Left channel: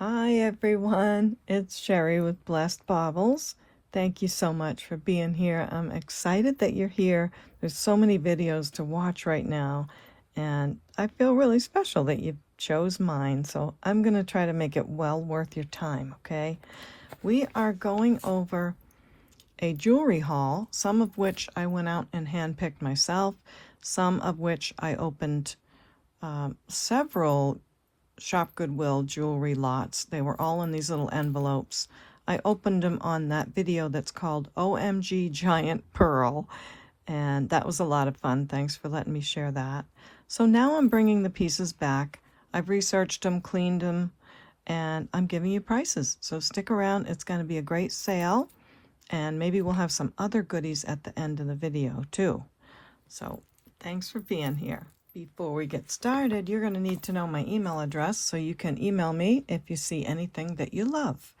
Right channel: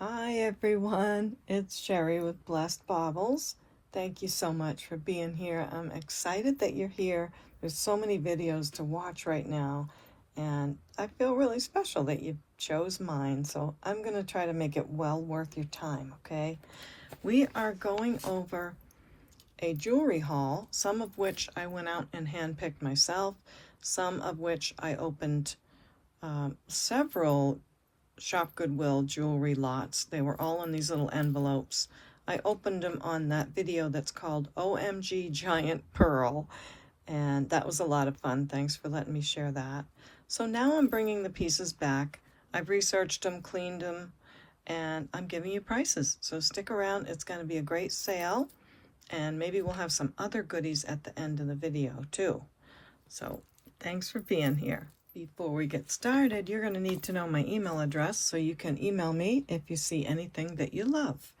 Hi everyone, it's Sherry with Blessed Baubles. Thank you so much for being here. I'm excited that you're here. There's so many videos to watch right now, and I feel really special that you chose mine, so I'm going to try to make it well worth your time, okay? We are going over a jewelry haul, some of which I went out and handpicked myself, some of which I opened several Shop Goodwill jewelry lots. They were all in these little envelopes. I opened them on that video that's called OMG Giant Pearl, and that was a lot of fun. Thanks for letting me share that. So now I'm bringing the pieces back. I've researched them, cleaned them, and I'm giving you prices. So stick around. It's going to be a great sale, and maybe we'll have some other goodies at the end of the video too. So thanks for being here. Before we get started, you're going to need to know my email address so you can email me if you see anything that you love.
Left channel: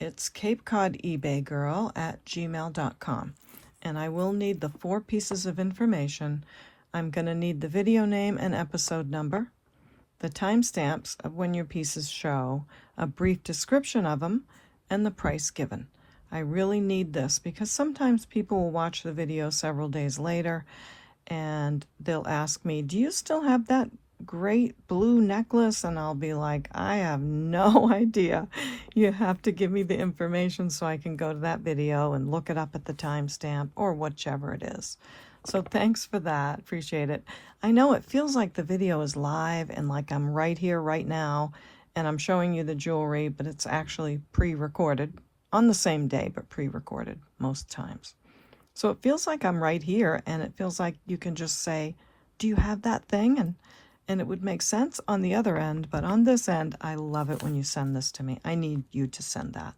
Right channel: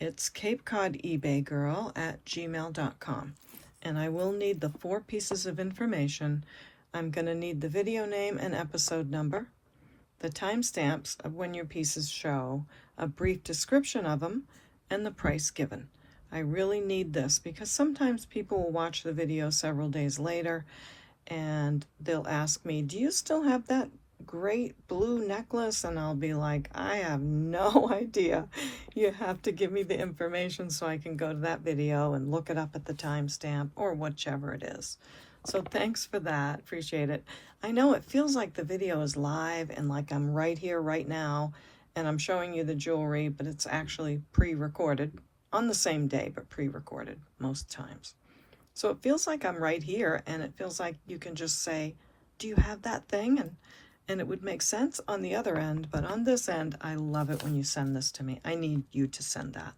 It's CapeCodEbayGirl@gmail.com, and I will need the 4 pieces of information. I'm going to need the video name and episode number, the timestamps of when your pieces show, a brief description of them, and the price given. I really need this because sometimes people will watch the video several days later and they'll ask me, do you still have that great blue necklace? And I'll be like, I have no idea. You have to give me the information so I can go to that video and look it up at the timestamp or whichever it is. So thanks for that. Appreciate it. I know it feels like the video is live and like I'm right here right now and I'm showing you the jewelry, but it's actually pre-recorded on the same day, but pre-recorded most times. So it feels like I'm right here, and it feels like you can just say, do you have that thing? And it would make sense on the other end, but on this end, I love it when you send this to me. I need you to send that.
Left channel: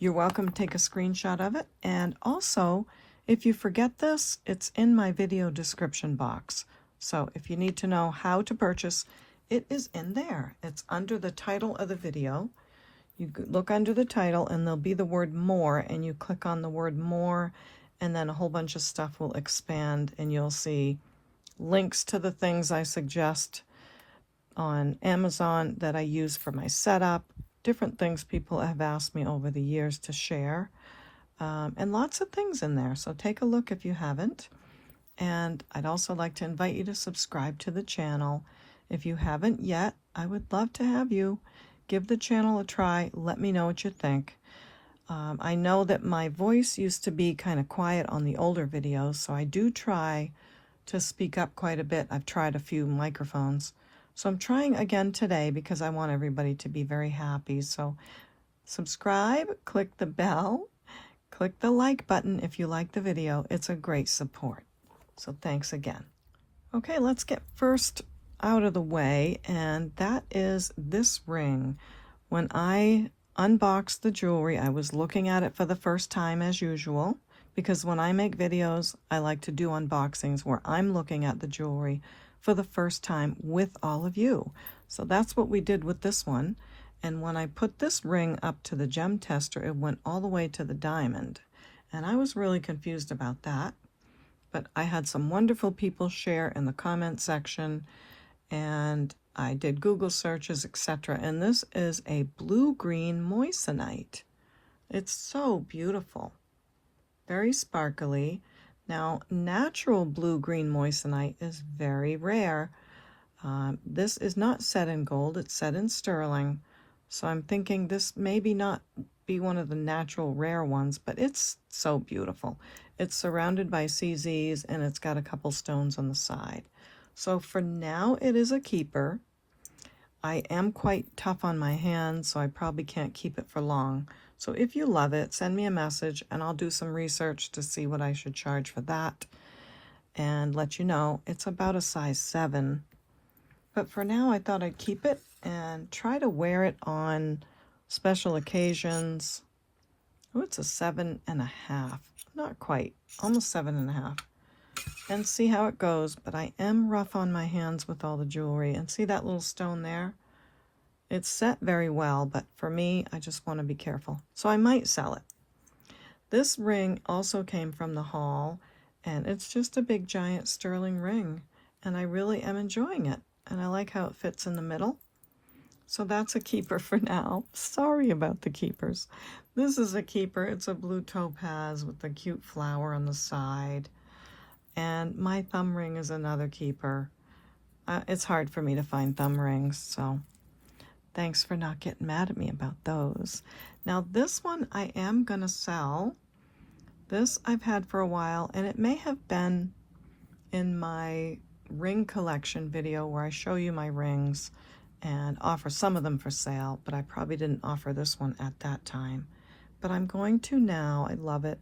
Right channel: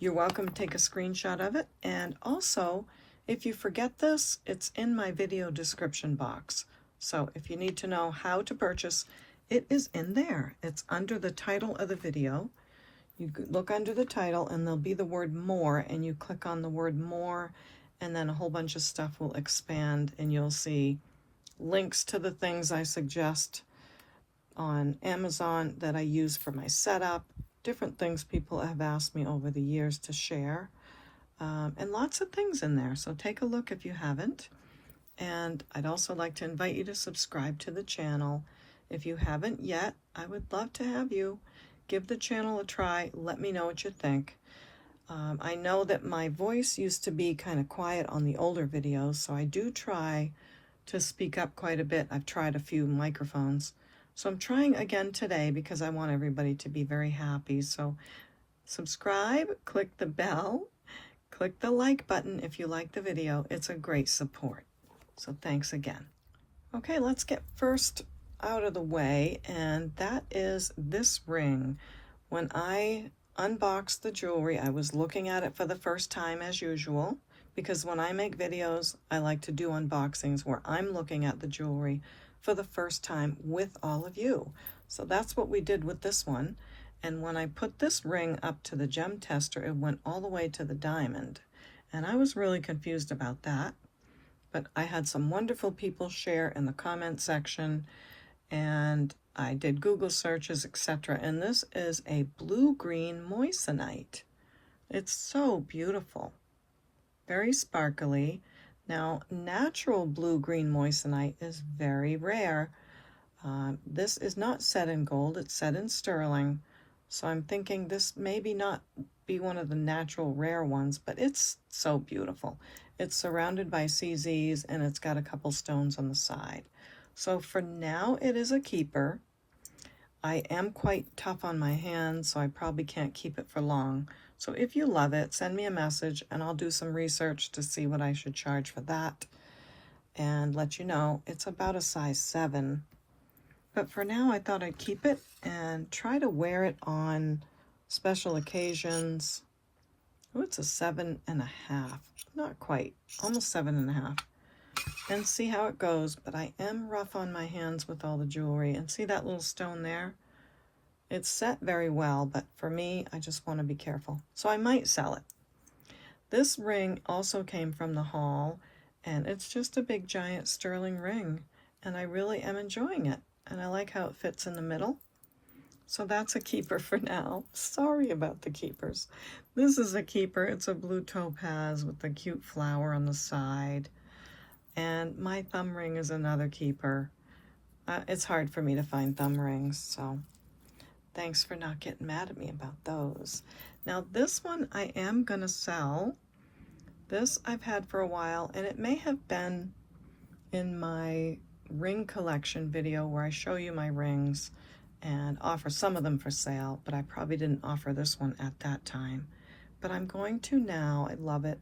You're welcome to take a screenshot of it, and also, if you forget this, it's in my video description box. So if you need to know how to purchase, it is in there. It's under the title of the video. You look under the title, and there'll be the word more, and you click on the word more, and then a whole bunch of stuff will expand and you'll see links to the things I suggest on Amazon that I use for my setup, different things people have asked me over the years to share, and lots of things in there. So take a look if you haven't. And I'd also like to invite you to subscribe to the channel. If you haven't yet, I would love to have you. Give the channel a try. Let me know what you think. I know that my voice used to be kind of quiet on the older videos, so I do try to speak up quite a bit. I've tried a few microphones. So I'm trying again today because I want everybody to be very happy. So subscribe, click the bell, click the like button if you like the video. It's a great support. So thanks again. Okay, let's get first out of the way, and that is this ring. When I unboxed the jewelry, I was looking at it for the first time as usual, because when I make videos, I like to do unboxings where I'm looking at the jewelry for the first time with all of you. So that's what we did with this one. And when I put this ring up to the gem tester, it went all the way to the diamond. And I was really confused about that. But I had some wonderful people share in the comment section, and I did Google searches, etc. And this is a blue-green moissanite. It's so beautiful. Very sparkly. Now, natural blue-green moissanite is very rare. This is not set in gold. It's set in sterling. So I'm thinking this maybe not be one of the natural rare ones, but it's so beautiful. It's surrounded by CZs, and it's got a couple stones on the side. So for now, it is a keeper. I am quite tough on my hands, so I probably can't keep it for long. So if you love it, send me a message, and I'll do some research to see what I should charge for that and let you know. It's about a size 7. But for now, I thought I'd keep it and try to wear it on special occasions. Oh, it's a 7.5. Not quite. Almost 7.5. And see how it goes. But I am rough on my hands with all the jewelry. And see that little stone there? It's set very well, but for me, I just want to be careful. So I might sell it. This ring also came from the haul, and it's just a big giant sterling ring. And I really am enjoying it. And I like how it fits in the middle. So that's a keeper for now. Sorry about the keepers. This is a keeper. It's a blue topaz with a cute flower on the side. And my thumb ring is another keeper. It's hard for me to find thumb rings, so thanks for not getting mad at me about those. Now this one I am gonna sell. This I've had for a while, and it may have been in my ring collection video where I show you my rings and offer some of them for sale, but I probably didn't offer this one at that time. But I'm going to now. I love it.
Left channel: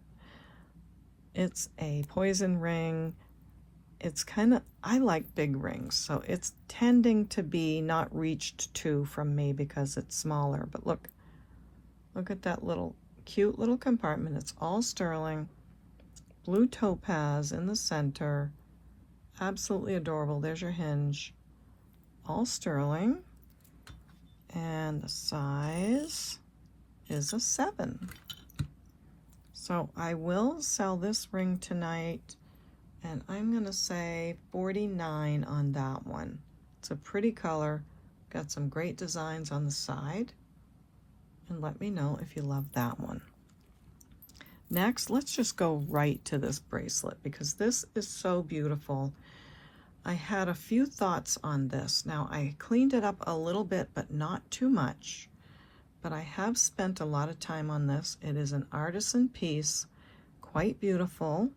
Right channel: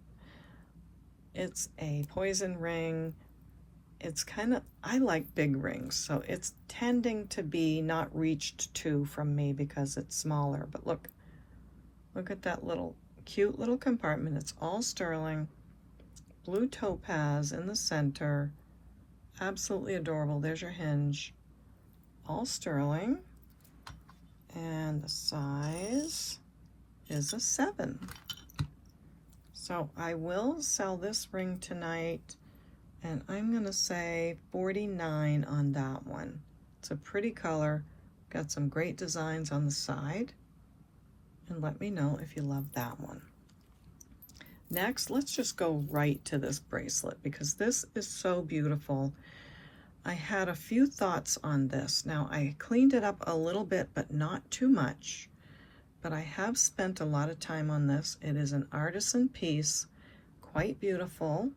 It's a poison ring. It's kind of, I like big rings, so it's tending to be not reached to from me because it's smaller. But look at that little cute little compartment. It's all sterling, blue topaz in the center, absolutely adorable. There's your hinge, all sterling, and the size is a 7. So I will sell this ring tonight, and I'm gonna say $49 on that one. It's a pretty color, got some great designs on the side, and let me know if you love that one. Next, let's just go right to this bracelet because this is so beautiful. I had a few thoughts on this. Now I cleaned it up a little bit, but not too much. But I have spent a lot of time on this. It is an artisan piece, quite beautiful.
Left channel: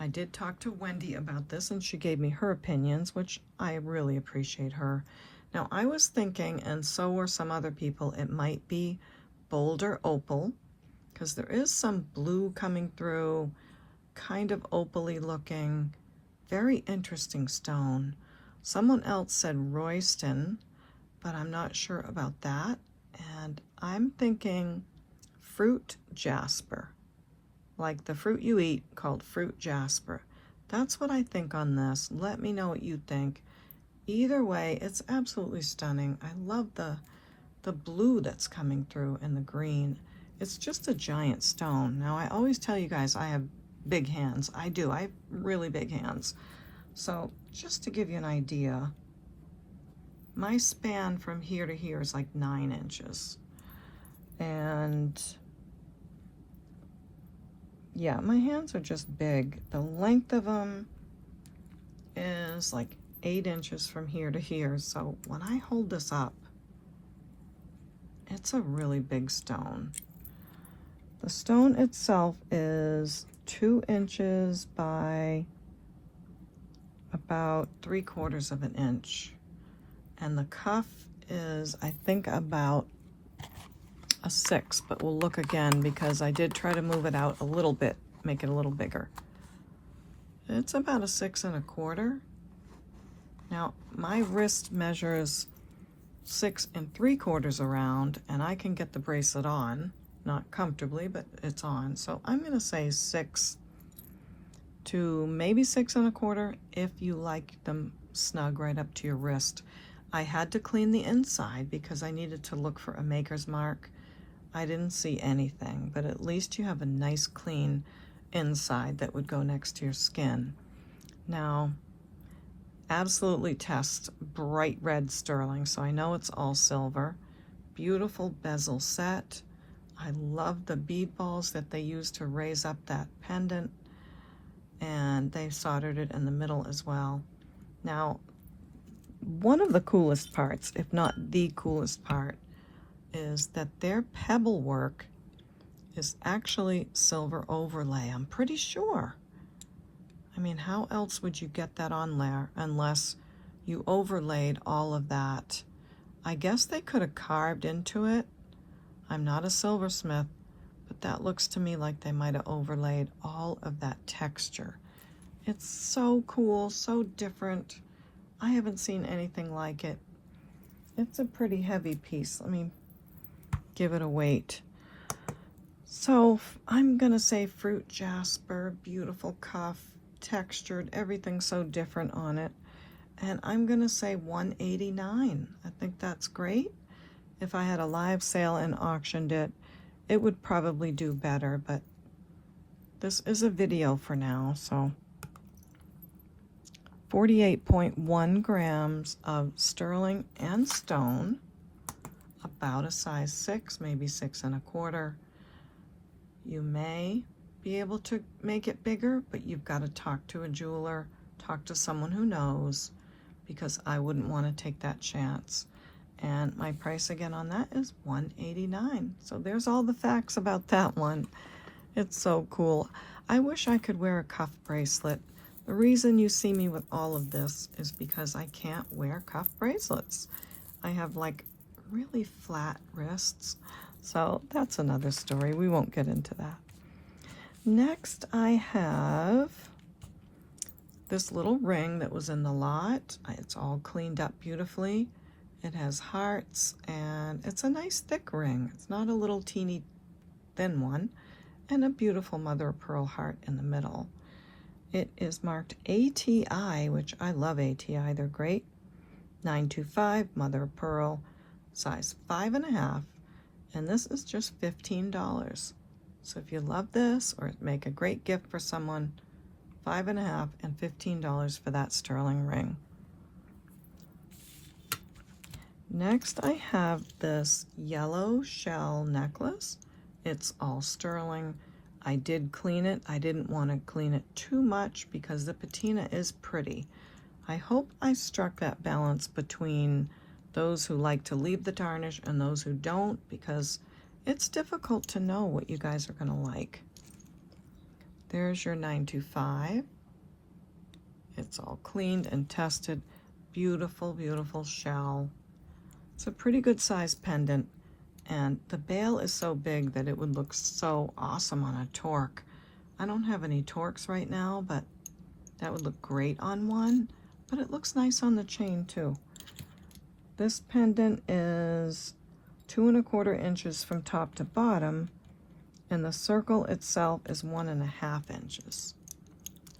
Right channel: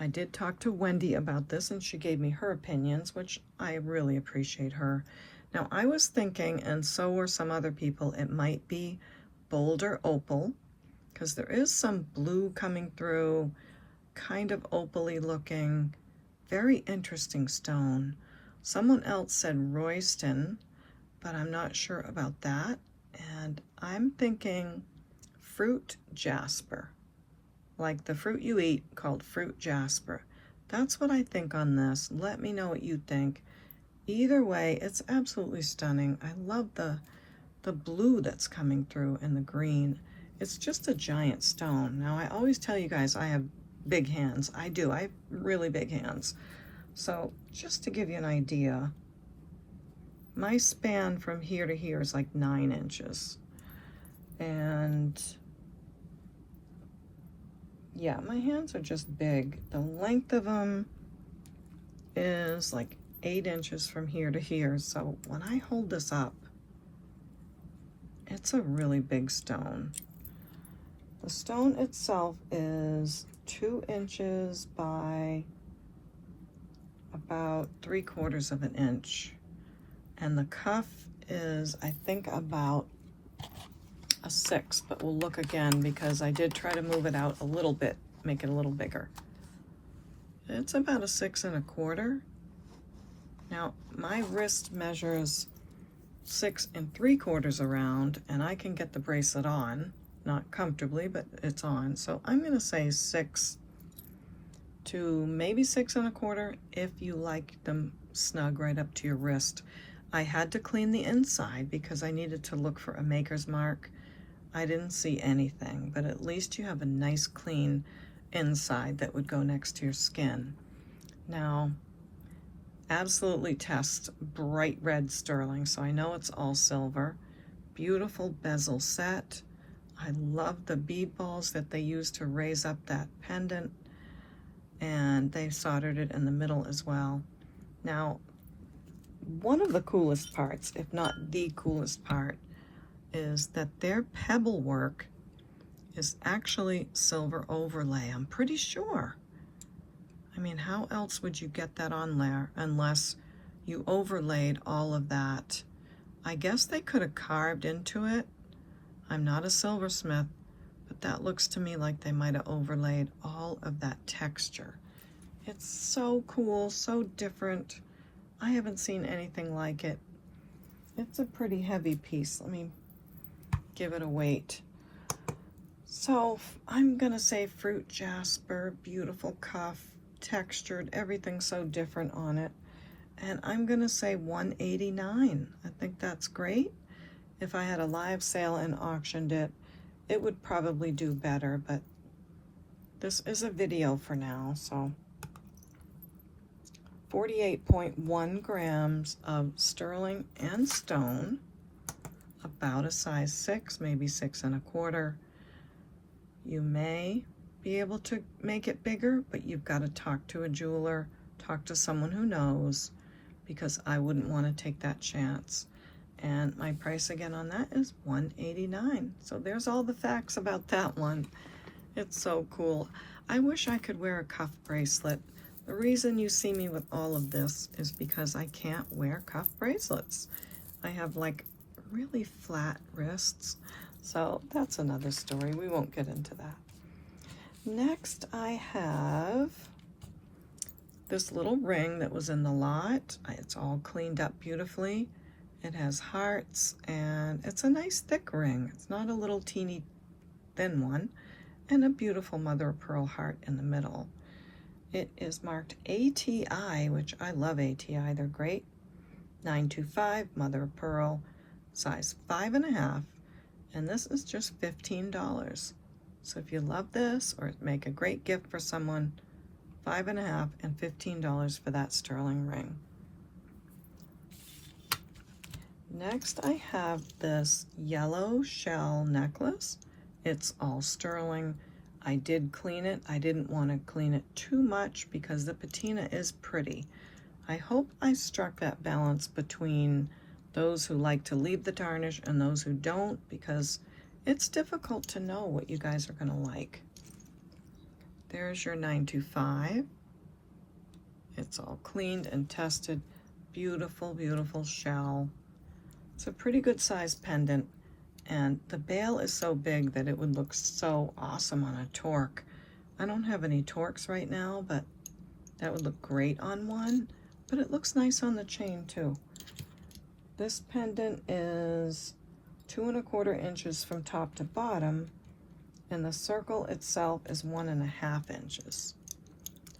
I did talk to Wendy about this and she gave me her opinions, which I really appreciate her. Now I was thinking, and so were some other people, it might be bolder opal, because there is some blue coming through, kind of opal-y looking, very interesting stone. Someone else said Royston, but I'm not sure about that. And I'm thinking fruit jasper, like the fruit you eat called fruit jasper. That's what I think on this. Let me know what you think. Either way, it's absolutely stunning. I love the blue that's coming through and the green. It's just a giant stone. Now, I always tell you guys I have big hands. I do. I have really big hands. So just to give you an idea, my span from here to here is like 9 inches. And yeah, my hands are just big. The length of them is like 8 inches from here to here. So when I hold this up, it's a really big stone. The stone itself is 2 inches by about 3/4 of an inch. And the cuff is, I think, about a 6, but we'll look again because I did try to move it out a little bit, make it a little bigger. It's about a 6 1/4. Now, my wrist measures 6 3/4 around, and I can get the bracelet on, not comfortably, but it's on. So I'm gonna say 6 to maybe 6 1/4 if you like them snug right up to your wrist. I had to clean the inside because I needed to look for a maker's mark. I didn't see anything, but at least you have a nice clean inside that would go next to your skin. Now, absolutely test bright red sterling, so I know it's all silver. Beautiful bezel set. I love the bead balls that they used to raise up that pendant, and they soldered it in the middle as well. Now, one of the coolest parts, if not the coolest part, is that their pebble work is actually silver overlay. I'm pretty sure. I mean, how else would you get that on there unless you overlaid all of that? I guess they could have carved into it. I'm not a silversmith, but that looks to me like they might have overlaid all of that texture. It's so cool, so different. I haven't seen anything like it. It's a pretty heavy piece. Let me give it a weight. So I'm gonna say fruit jasper, beautiful cuff, textured, everything so different on it. And I'm gonna say $189. I think that's great. If I had a live sale and auctioned it, it would probably do better, but this is a video for now, so 48.1 grams of sterling and stone. about a size 6, maybe 6 1/4. You may be able to make it bigger, but you've got to talk to a jeweler, talk to someone who knows, because I wouldn't want to take that chance. And my price again on that is $189. So there's all the facts about that one. It's so cool. I wish I could wear a cuff bracelet. The reason you see me with all of this is because I can't wear cuff bracelets. I have like really flat wrists. So that's another story. We won't get into that. Next, I have this little ring that was in the lot. It's all cleaned up beautifully. It has hearts, and it's a nice thick ring. It's not a little teeny thin one, and a beautiful mother of pearl heart in the middle. It is marked ATI, which I love ATI. They're great. 925 mother of pearl, size 5 1/2, and this is just $15. So if you love this or make a great gift for someone, 5 1/2 and $15 for that sterling ring. Next, I have this yellow shell necklace. It's all sterling. I did clean it. I didn't want to clean it too much because the patina is pretty. I hope I struck that balance between those who like to leave the tarnish and those who don't, because it's difficult to know what you guys are going to like. There's your 925. It's all cleaned and tested. Beautiful, beautiful shell. It's a pretty good size pendant, and the bail is so big that it would look so awesome on a torque. I don't have any torques right now, but that would look great on one, but it looks nice on the chain too. This pendant is 2 1/4 inches from top to bottom, and the circle itself is 1 1/2 inches.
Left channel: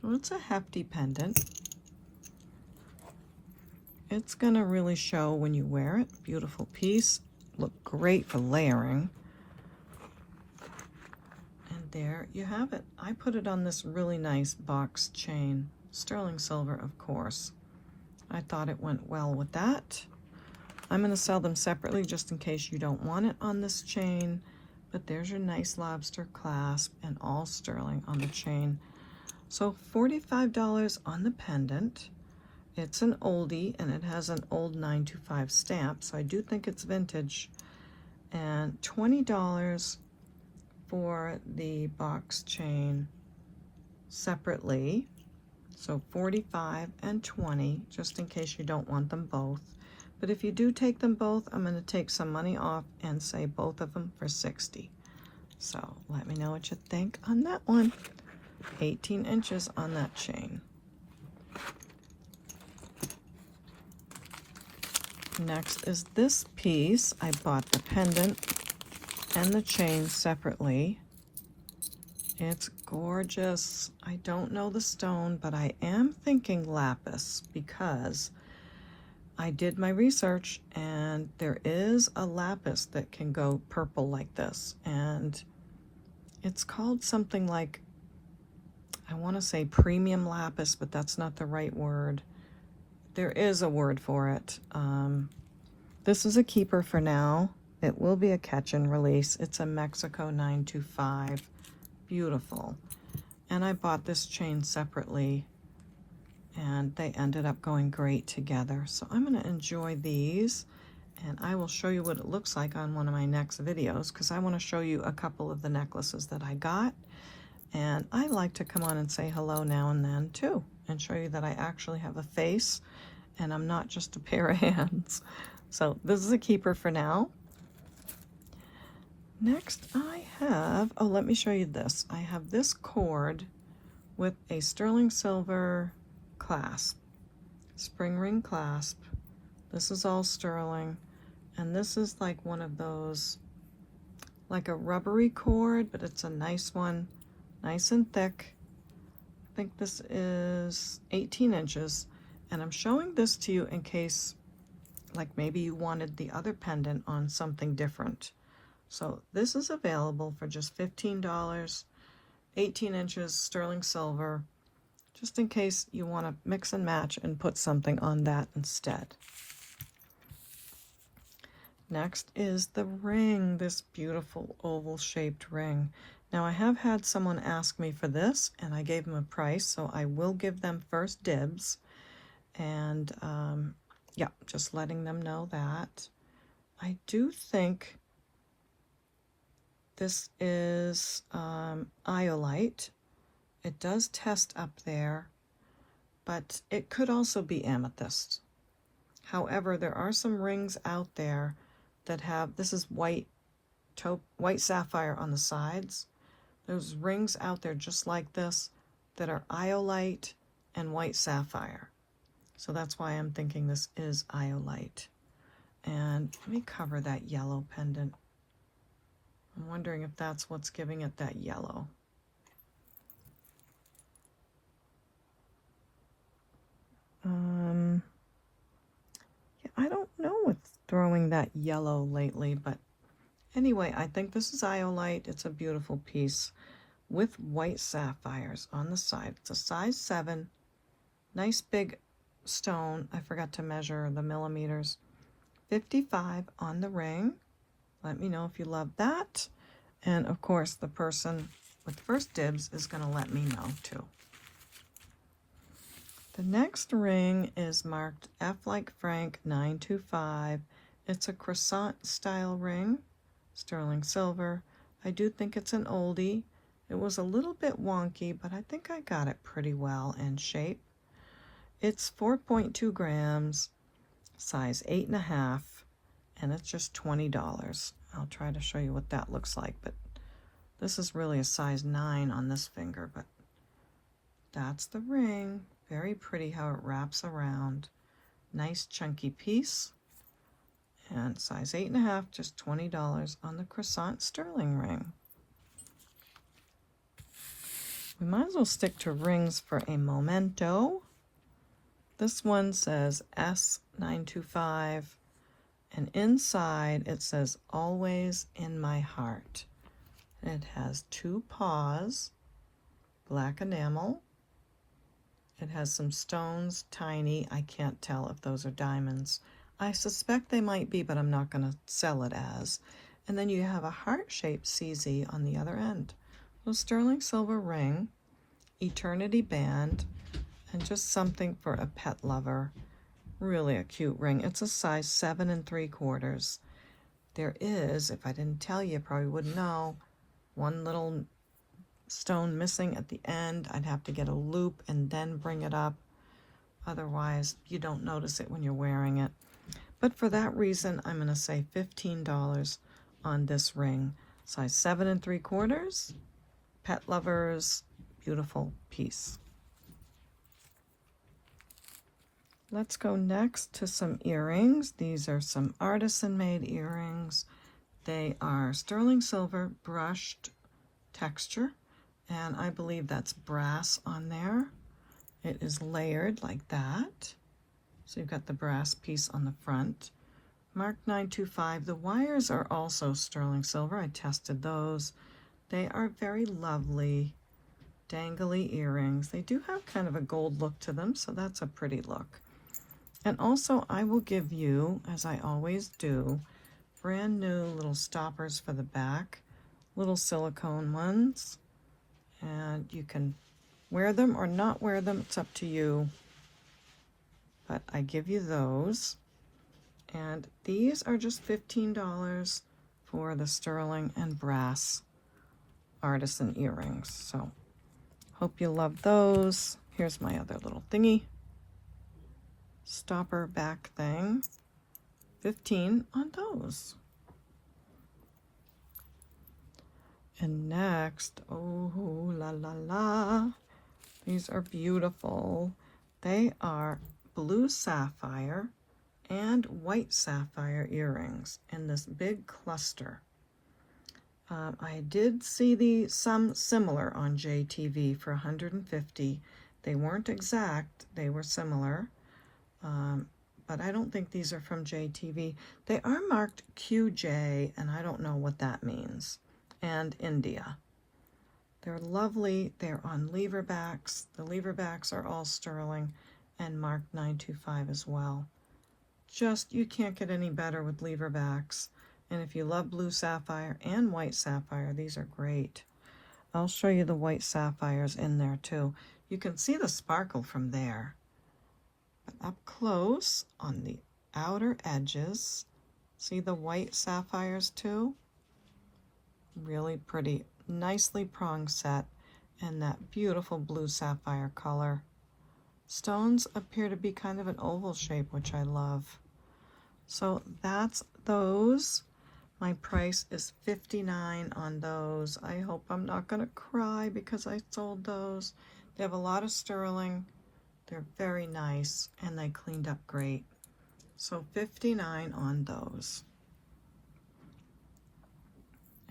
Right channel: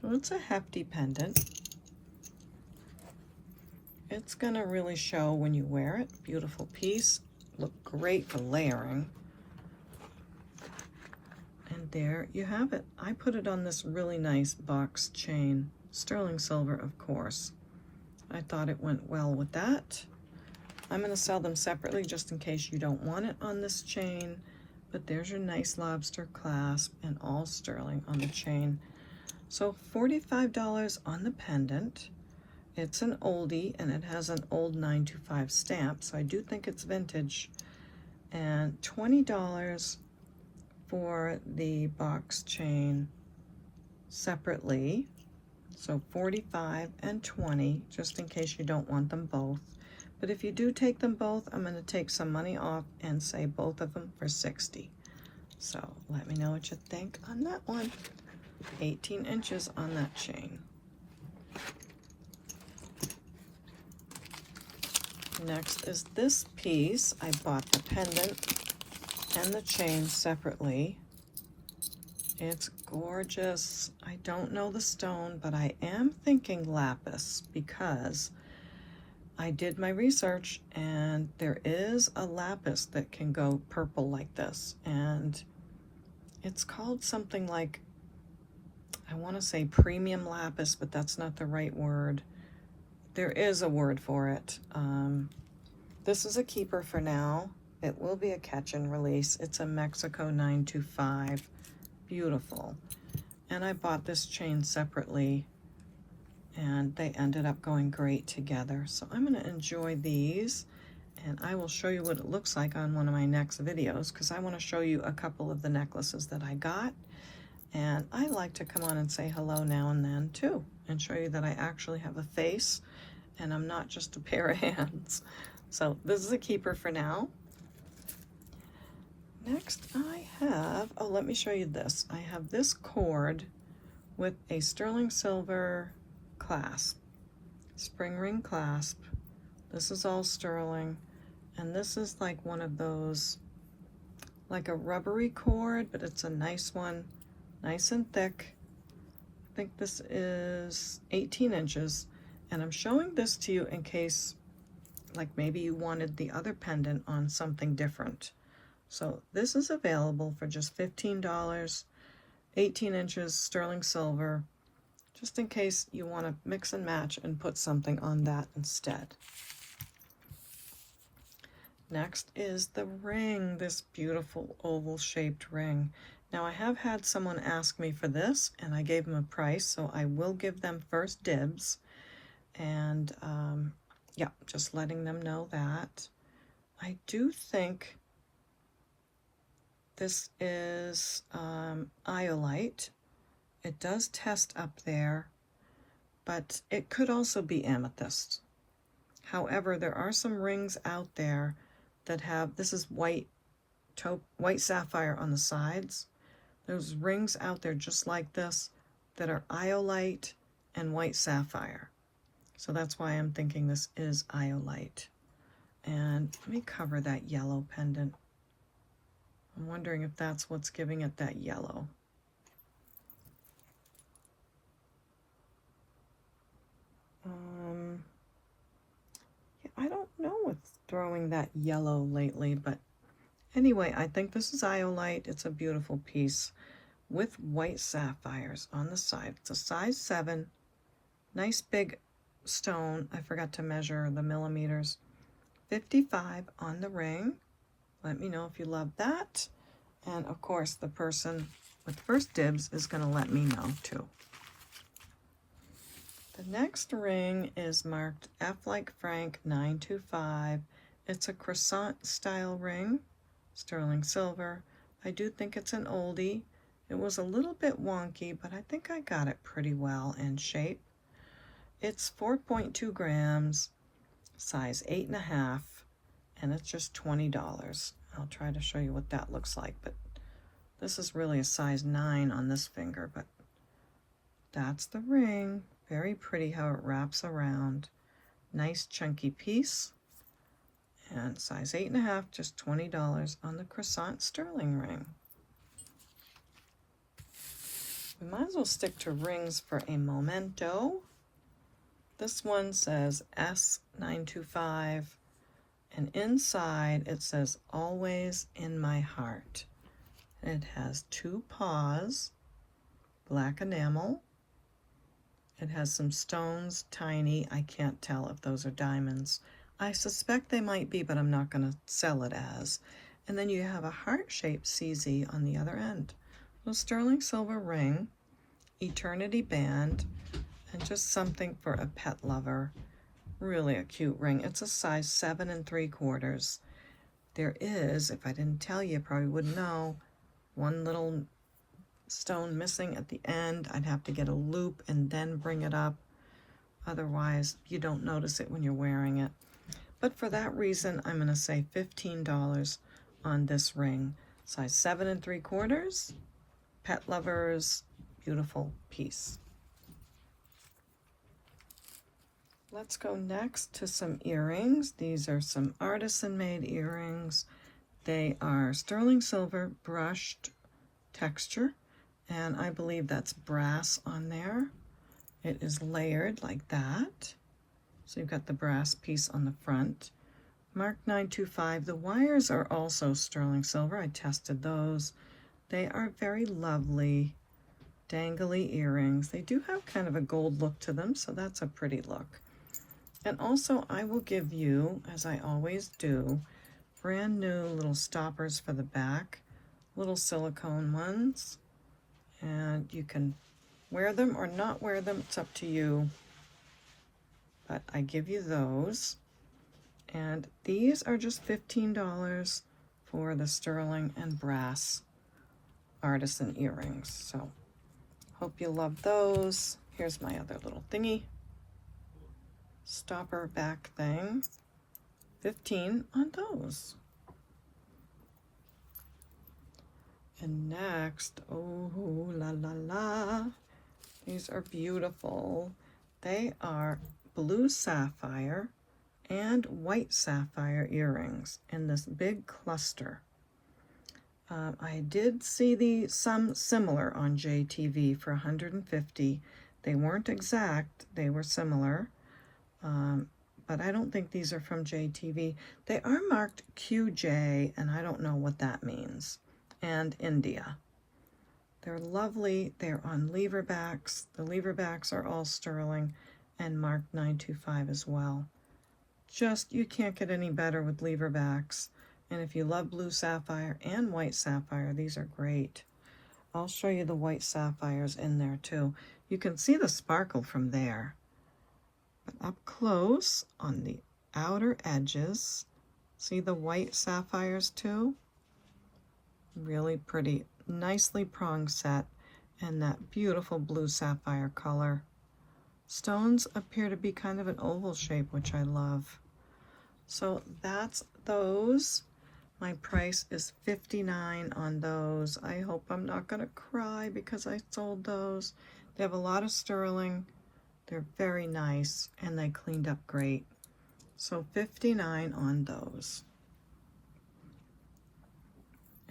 So it's a hefty pendant. It's gonna really show when you wear it. Beautiful piece, look great for layering. And there you have it. I put it on this really nice box chain, sterling silver, of course. I thought it went well with that. I'm gonna sell them separately just in case you don't want it on this chain, but there's your nice lobster clasp and all sterling on the chain. So $45 on the pendant. It's an oldie, and it has an old 925 stamp, so I do think it's vintage. And $20 for the box chain separately. So $45 and $20, just in case you don't want them both. But if you do take them both, I'm going to take some money off and say both of them for $60. So let me know what you think on that one. 18 inches on that chain. Next is this piece. I bought the pendant and the chain separately. It's gorgeous. I don't know the stone, but I am thinking lapis because I did my research and there is a lapis that can go purple like this, and it's called something like, I want to say premium lapis, but that's not the right word. There is a word for it. This is a keeper for now. It will be a catch and release. It's a Mexico 925. Beautiful. And I bought this chain separately, and they ended up going great together. So I'm going to enjoy these, and I will show you what it looks like on one of my next videos, because I want to show you a couple of the necklaces that I got. And I like to come on and say hello now and then too, and show you that I actually have a face and I'm not just a pair of hands. So this is a keeper for now. Next I have, oh, let me show you this. I have this cord with a sterling silver clasp, spring ring clasp. This is all sterling, and this is like one of those, like a rubbery cord, but it's a nice one, nice and thick. I think this is 18 inches, and I'm showing this to you in case, like, maybe you wanted the other pendant on something different. So this is available for just $15, 18 inches, sterling silver, just in case you want to mix and match and put something on that instead. Next is the ring, this beautiful oval shaped ring. Now I have had someone ask me for this and I gave them a price, so I will give them first dibs. And yeah, just letting them know that. I do think this is iolite. It does test up there, but it could also be amethyst. However, there are some rings out there that have, this is white sapphire on the sides. There's rings out there just like this that are iolite and white sapphire. So that's why I'm thinking this is iolite. And let me cover that yellow pendant. I'm wondering if that's what's giving it that yellow. Yeah, I don't know what's throwing that yellow lately, but anyway, I think this is iolite. It's a beautiful piece with white sapphires on the side. It's a size 7, nice big stone. I forgot to measure the millimeters. 55 on the ring. Let me know if you love that. And of course, the person with first dibs is going to let me know too. The next ring is marked F like Frank 925. It's a croissant style ring, sterling silver. I do think it's an oldie. It was a little bit wonky, but I think I got it pretty well in shape. It's 4.2 grams, size 8.5, and it's just $20. I'll try to show you what that looks like, but this is really a size 9 on this finger, but that's the ring. Very pretty how it wraps around. Nice chunky piece. And size 8.5, just $20 on the croissant sterling ring. We might as well stick to rings for a momento. This one says S925, and inside it says always in my heart. It has 2 paws, black enamel. It has some stones, tiny. I can't tell if those are diamonds. I suspect they might be, but I'm not going to sell it as. And then you have a heart-shaped CZ on the other end. So sterling silver ring, eternity band, and just something for a pet lover. Really a cute ring. It's a size 7 3/4. There is, if I didn't tell you, probably wouldn't know, one little stone missing at the end. I'd have to get a loop and then bring it up. Otherwise, you don't notice it when you're wearing it. But for that reason, I'm going to say $15 on this ring. Size 7 3/4. Pet lovers, beautiful piece. Let's go next to some earrings. These are some artisan made earrings. They are sterling silver brushed texture, and I believe that's brass on there. It is layered like that. So you've got the brass piece on the front. Mark 925. The wires are also sterling silver. I tested those. They are very lovely, dangly earrings. They do have kind of a gold look to them, so that's a pretty look. And also, I will give you, as I always do, brand new little stoppers for the back, little silicone ones, and you can wear them or not wear them. It's up to you, but I give you those. And these are just $15 for the sterling and brass artisan earrings. So hope you love those. Here's my other little thingy. Stopper back thing. 15 on those. And next, oh la la la, these are beautiful. They are blue sapphire and white sapphire earrings in this big cluster. I did see some similar on JTV for $150. They weren't exact, they were similar. But I don't think these are from JTV. They are marked QJ, and I don't know what that means. And India. They're lovely. They're on lever backs. The lever backs are all sterling and marked 925 as well. just, you can't get any better with lever backs. And if you love blue sapphire and white sapphire, these are great. I'll show you the white sapphires in there too. You can see the sparkle from there. But up close on the outer edges, see the white sapphires too? Really pretty, nicely prong set, and that beautiful blue sapphire color. Stones appear to be kind of an oval shape, which I love. So that's those. My price is $59 on those. I hope I'm not gonna cry because I sold those. They have a lot of sterling. They're very nice and they cleaned up great. So $59 on those.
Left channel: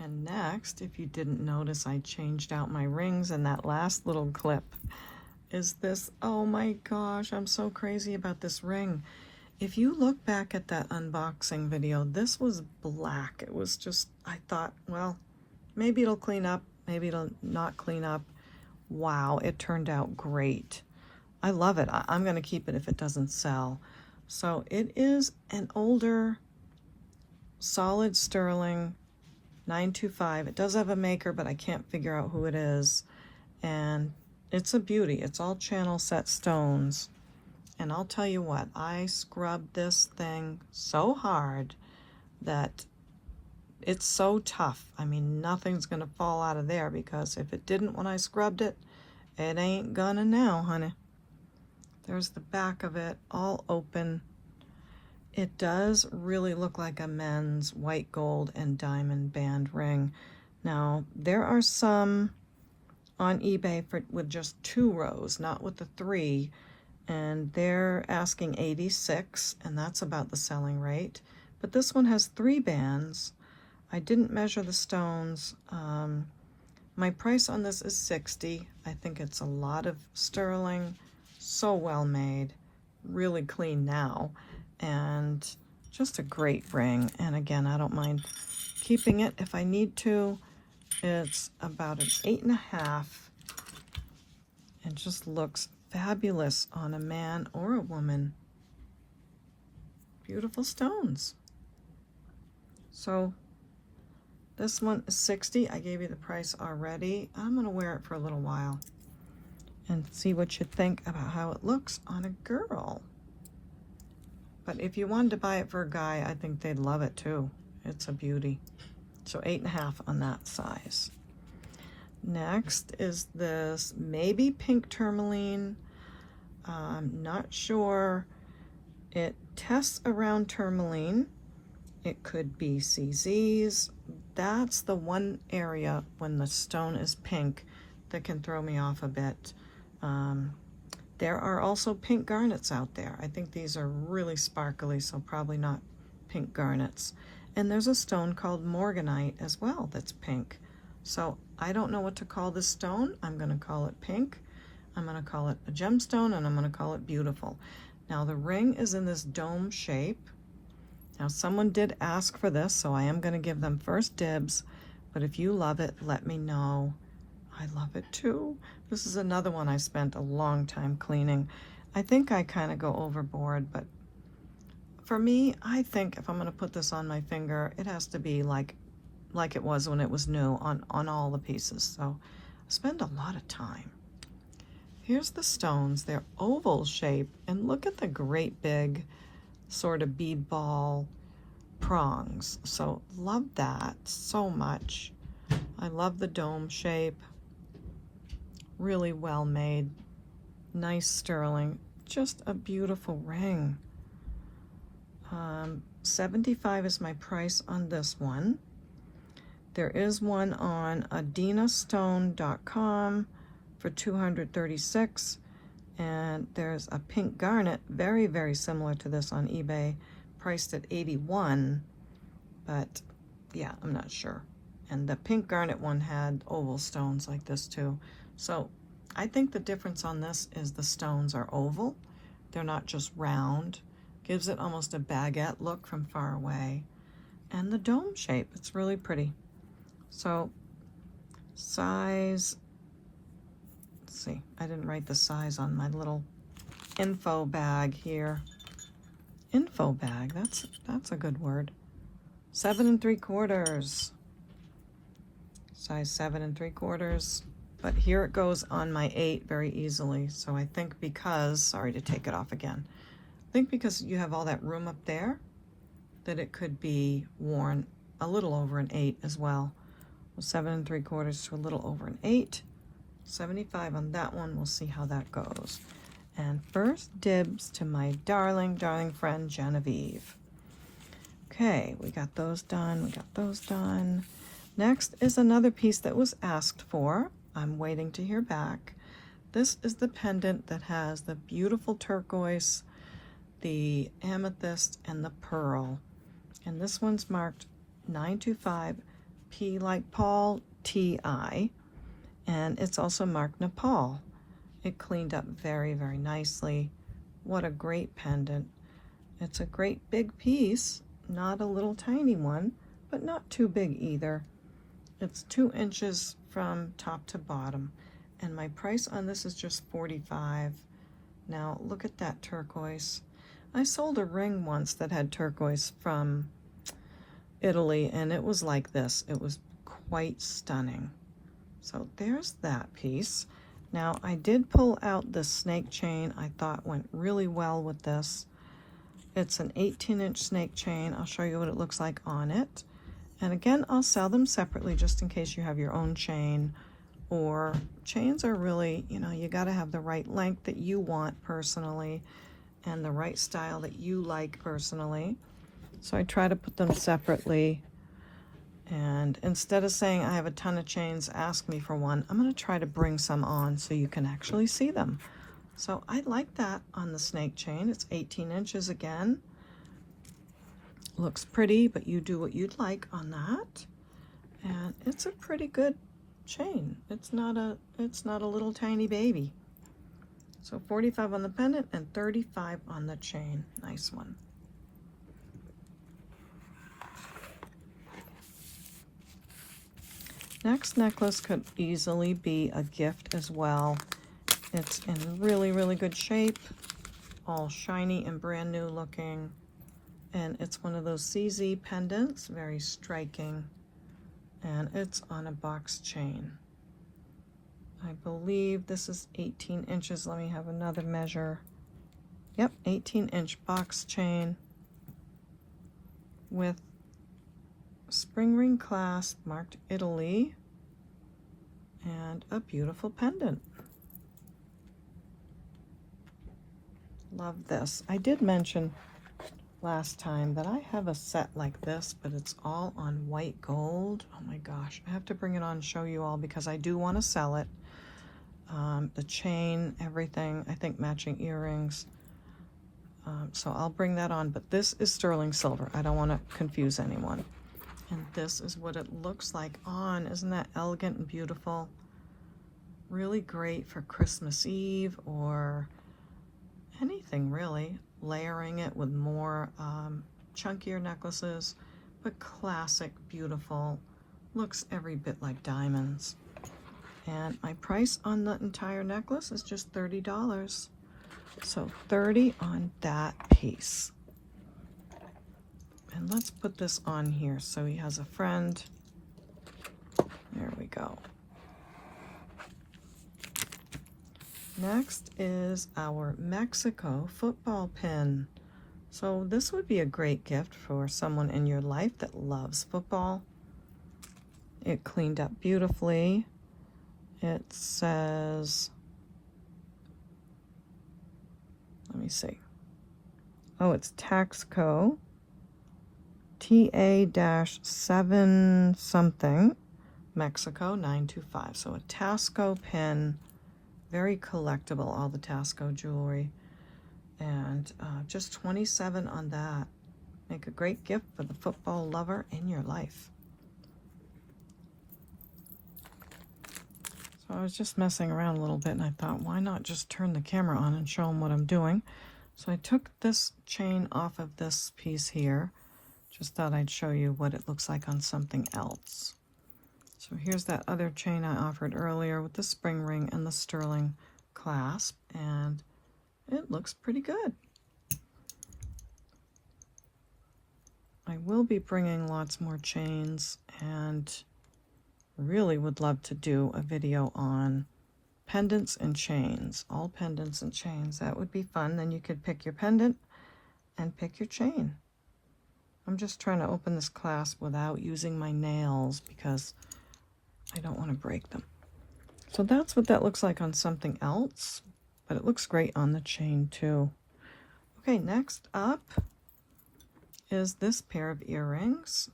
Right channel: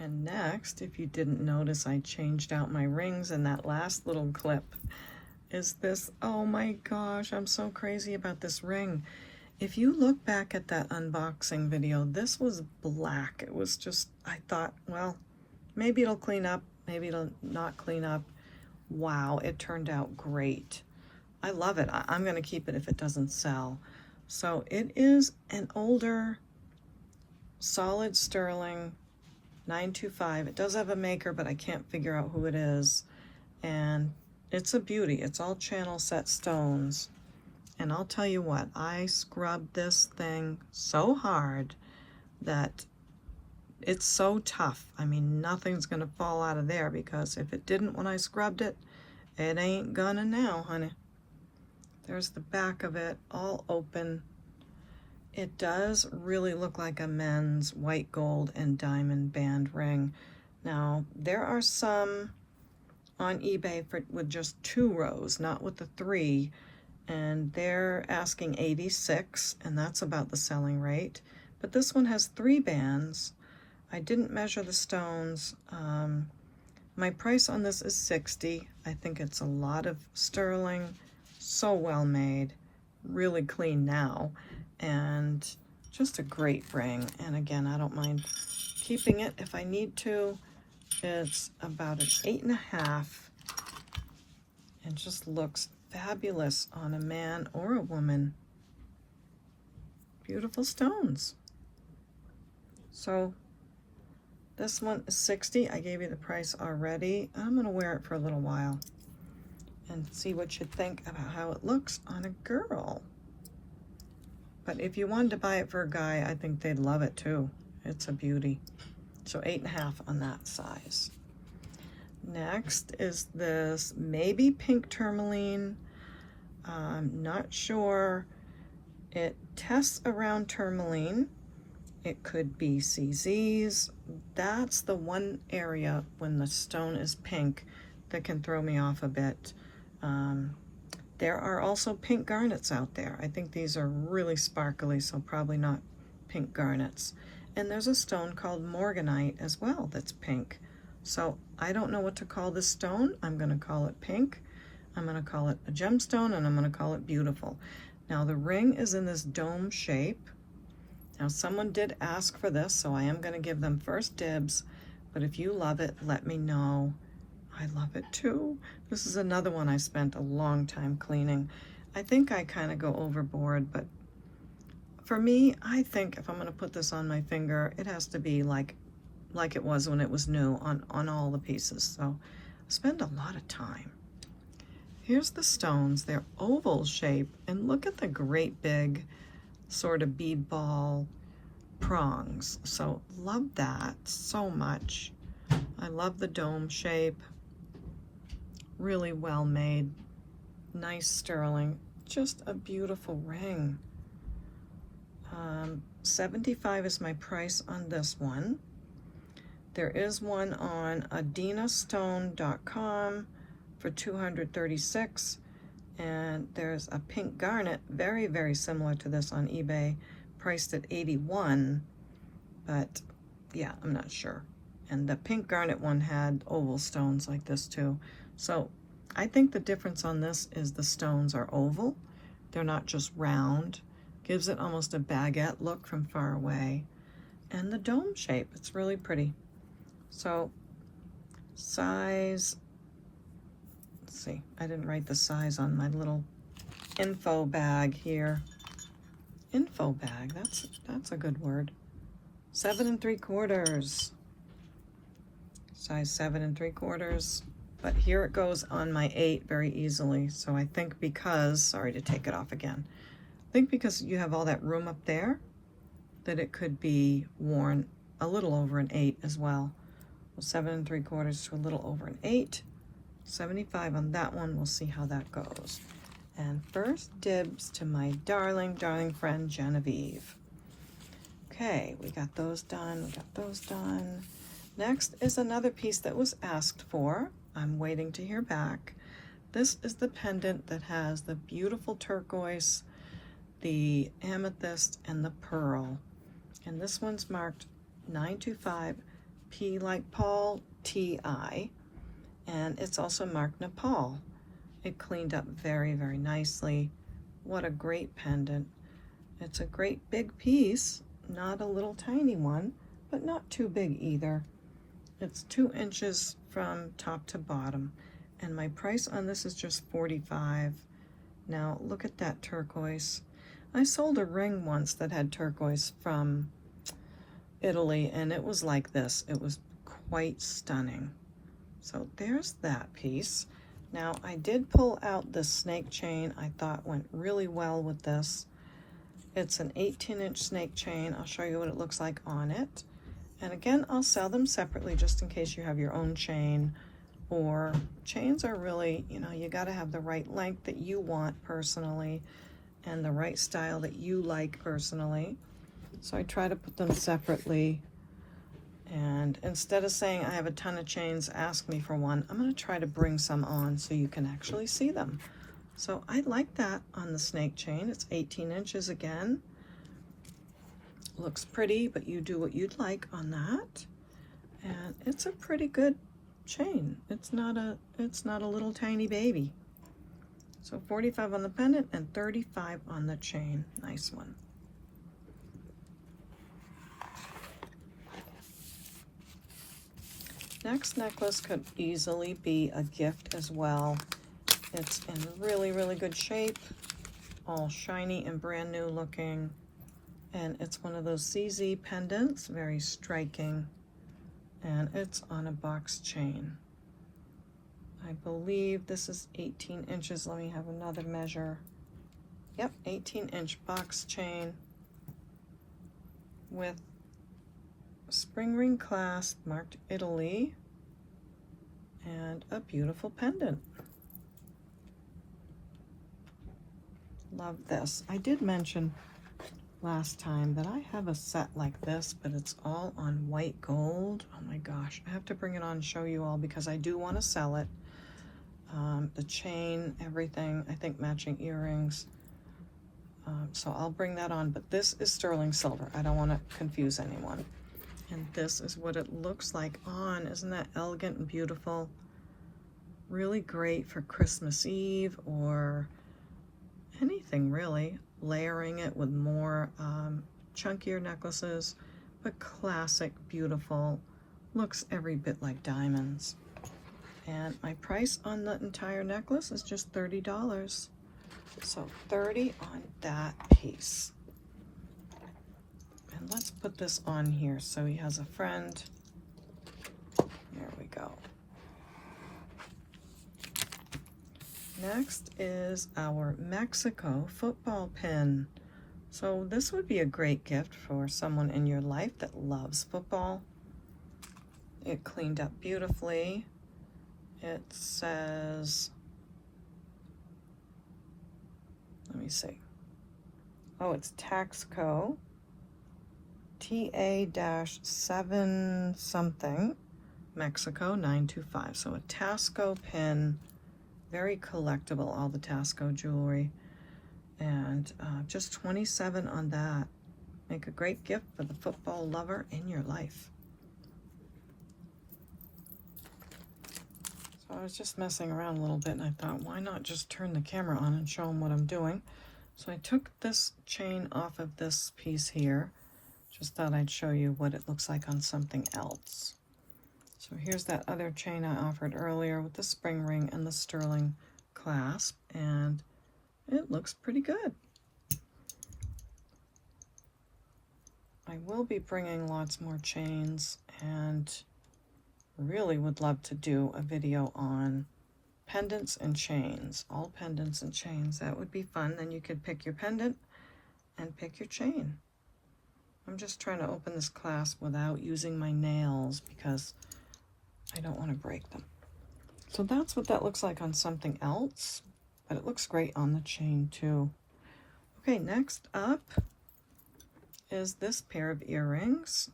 And next, if you didn't notice, I changed out my rings in that last little clip. Is this, oh my gosh, I'm so crazy about this ring. If you look back at that unboxing video, this was black. It was just, I thought, well, maybe it'll clean up, maybe it'll not clean up. Wow, it turned out great. I love it. I'm gonna keep it if it doesn't sell. So it is an older solid sterling 925. It does have a maker, but I can't figure out who it is. And it's a beauty. It's all channel set stones. And I'll tell you what, I scrubbed this thing so hard that it's so tough. I mean, nothing's gonna fall out of there, because if it didn't when I scrubbed it, it ain't gonna now, honey. There's the back of it, all open. It does really look like a men's white gold and diamond band ring. Now, there are some on eBay with just 2 rows, not with the 3. And they're asking 86, and that's about the selling rate. But this one has 3 bands. I didn't measure the stones. My price on this is $60. I think it's a lot of sterling, so well made, really clean now, and just a great ring. And again, I don't mind keeping it if I need to. It's about an 8.5. It just looks fabulous on a man or a woman. Beautiful stones. So this one is $60. I gave you the price already. I'm gonna wear it for a little while and see what you think about how it looks on a girl. But if you wanted to buy it for a guy, I think they'd love it too. It's a beauty. So 8.5 on that size. Next is this maybe pink tourmaline. I'm not sure. It tests around tourmaline. It could be CZ's. That's the one area when the stone is pink that can throw me off a bit. There are also pink garnets out there. I think these are really sparkly, so probably not pink garnets. And there's a stone called morganite as well that's pink. So I don't know what to call this stone. I'm going to call it pink. I'm going to call it a gemstone, and I'm going to call it beautiful. Now the ring is in this dome shape. Now someone did ask for this, so I am going to give them first dibs. But if you love it, let me know. I love it too. This is another one I spent a long time cleaning. I think I kind of go overboard, but for me, I think if I'm going to put this on my finger, it has to be like it was when it was new on all the pieces. So I spend a lot of time. Here's the stones. They're oval shape, and look at the great big sort of bead ball prongs. So love that so much. I love the dome shape. Really well made. Nice sterling. Just a beautiful ring. 75 is my price on this one. There is one on adinastone.com for $236, and there's a pink garnet, very, very similar to this on eBay, priced at $81, but yeah, I'm not sure. And the pink garnet one had oval stones like this too. So I think the difference on this is the stones are oval. They're not just round. Gives it almost a baguette look from far away. And the dome shape, it's really pretty. So size, let's see, I didn't write the size on my little info bag here. info bag. That's a good word. 7 3/4. Size 7 3/4. But here it goes on my 8 very easily. So I think because, sorry to take it off again, I think because you have all that room up there, that it could be worn a little over an 8 as well. 7 3/4 to a little over an 8. 75 on that one. We'll see how that goes. And first dibs to my darling, darling friend Genevieve. Okay, we got those done. We got those done. Next is another piece that was asked for. I'm waiting to hear back. This is the pendant that has the beautiful turquoise, the amethyst, and the pearl. And this one's marked 925 P like Paul TI. And it's also marked Nepal. It cleaned up very, very nicely. What a great pendant. It's a great big piece, not a little tiny one, but not too big either. It's 2 inches from top to bottom. And my price on this is just $45. Now look at that turquoise. I sold a ring once that had turquoise from Italy, and it was like this. It was quite stunning. So there's that piece. Now I did pull out the snake chain. I thought went really well with this. It's an 18-inch snake chain. I'll show you what it looks like on it. And again, I'll sell them separately just in case you have your own chain, or chains are really, you know, you got to have the right length that you want personally and the right style that you like personally. So I try to put them separately. And instead of saying I have a ton of chains, ask me for one, I'm going to try to bring some on so you can actually see them. So I like that on the snake chain. It's 18 inches again. Looks pretty, but you do what you'd like on that. And it's a pretty good chain. It's not a little tiny baby. So 45 on the pendant and 35 on the chain. Nice one. Next necklace could easily be a gift as well. It's in really, really good shape, all shiny and brand new looking. And it's one of those CZ pendants, very striking. And it's on a box chain. I believe this is 18 inches. Let me have another measure. Yep, 18-inch box chain with spring ring clasp marked Italy and a beautiful pendant. Love this. I did mention last time that I have a set like this, but it's all on white gold. Oh my gosh, I have to bring it on and show you all because I do want to sell it. The chain, everything, I think matching earrings. So I'll bring that on, but this is sterling silver. I don't want to confuse anyone. And this is what it looks like on. Isn't that elegant and beautiful? Really great for Christmas Eve or anything really. Layering it with more chunkier necklaces, but classic, beautiful. Looks every bit like diamonds. And my price on the entire necklace is just $30. So $30 on that piece. And let's put this on here so he has a friend. There we go. Next is our Mexico football pin. So this would be a great gift for someone in your life that loves football. It cleaned up beautifully. It says, let me see. Oh, it's Taxco TA-7 something, Mexico 925. So a Tasco pin, very collectible, all the Tasco jewelry. And just 27 on that. Make a great gift for the football lover in your life. So I was just messing around a little bit and I thought, why not just turn the camera on and show them what I'm doing? So I took this chain off of this piece here. Just thought I'd show you what it looks like on something else. So here's that other chain I offered earlier with the spring ring and the sterling clasp, and it looks pretty good. I will be bringing lots more chains, and really would love to do a video on pendants and chains, all pendants and chains. That would be fun. Then you could pick your pendant and pick your chain. I'm just trying to open this clasp without using my nails because I don't want to break them. So that's what that looks like on something else, but it looks great on the chain too. Okay, next up is this pair of earrings.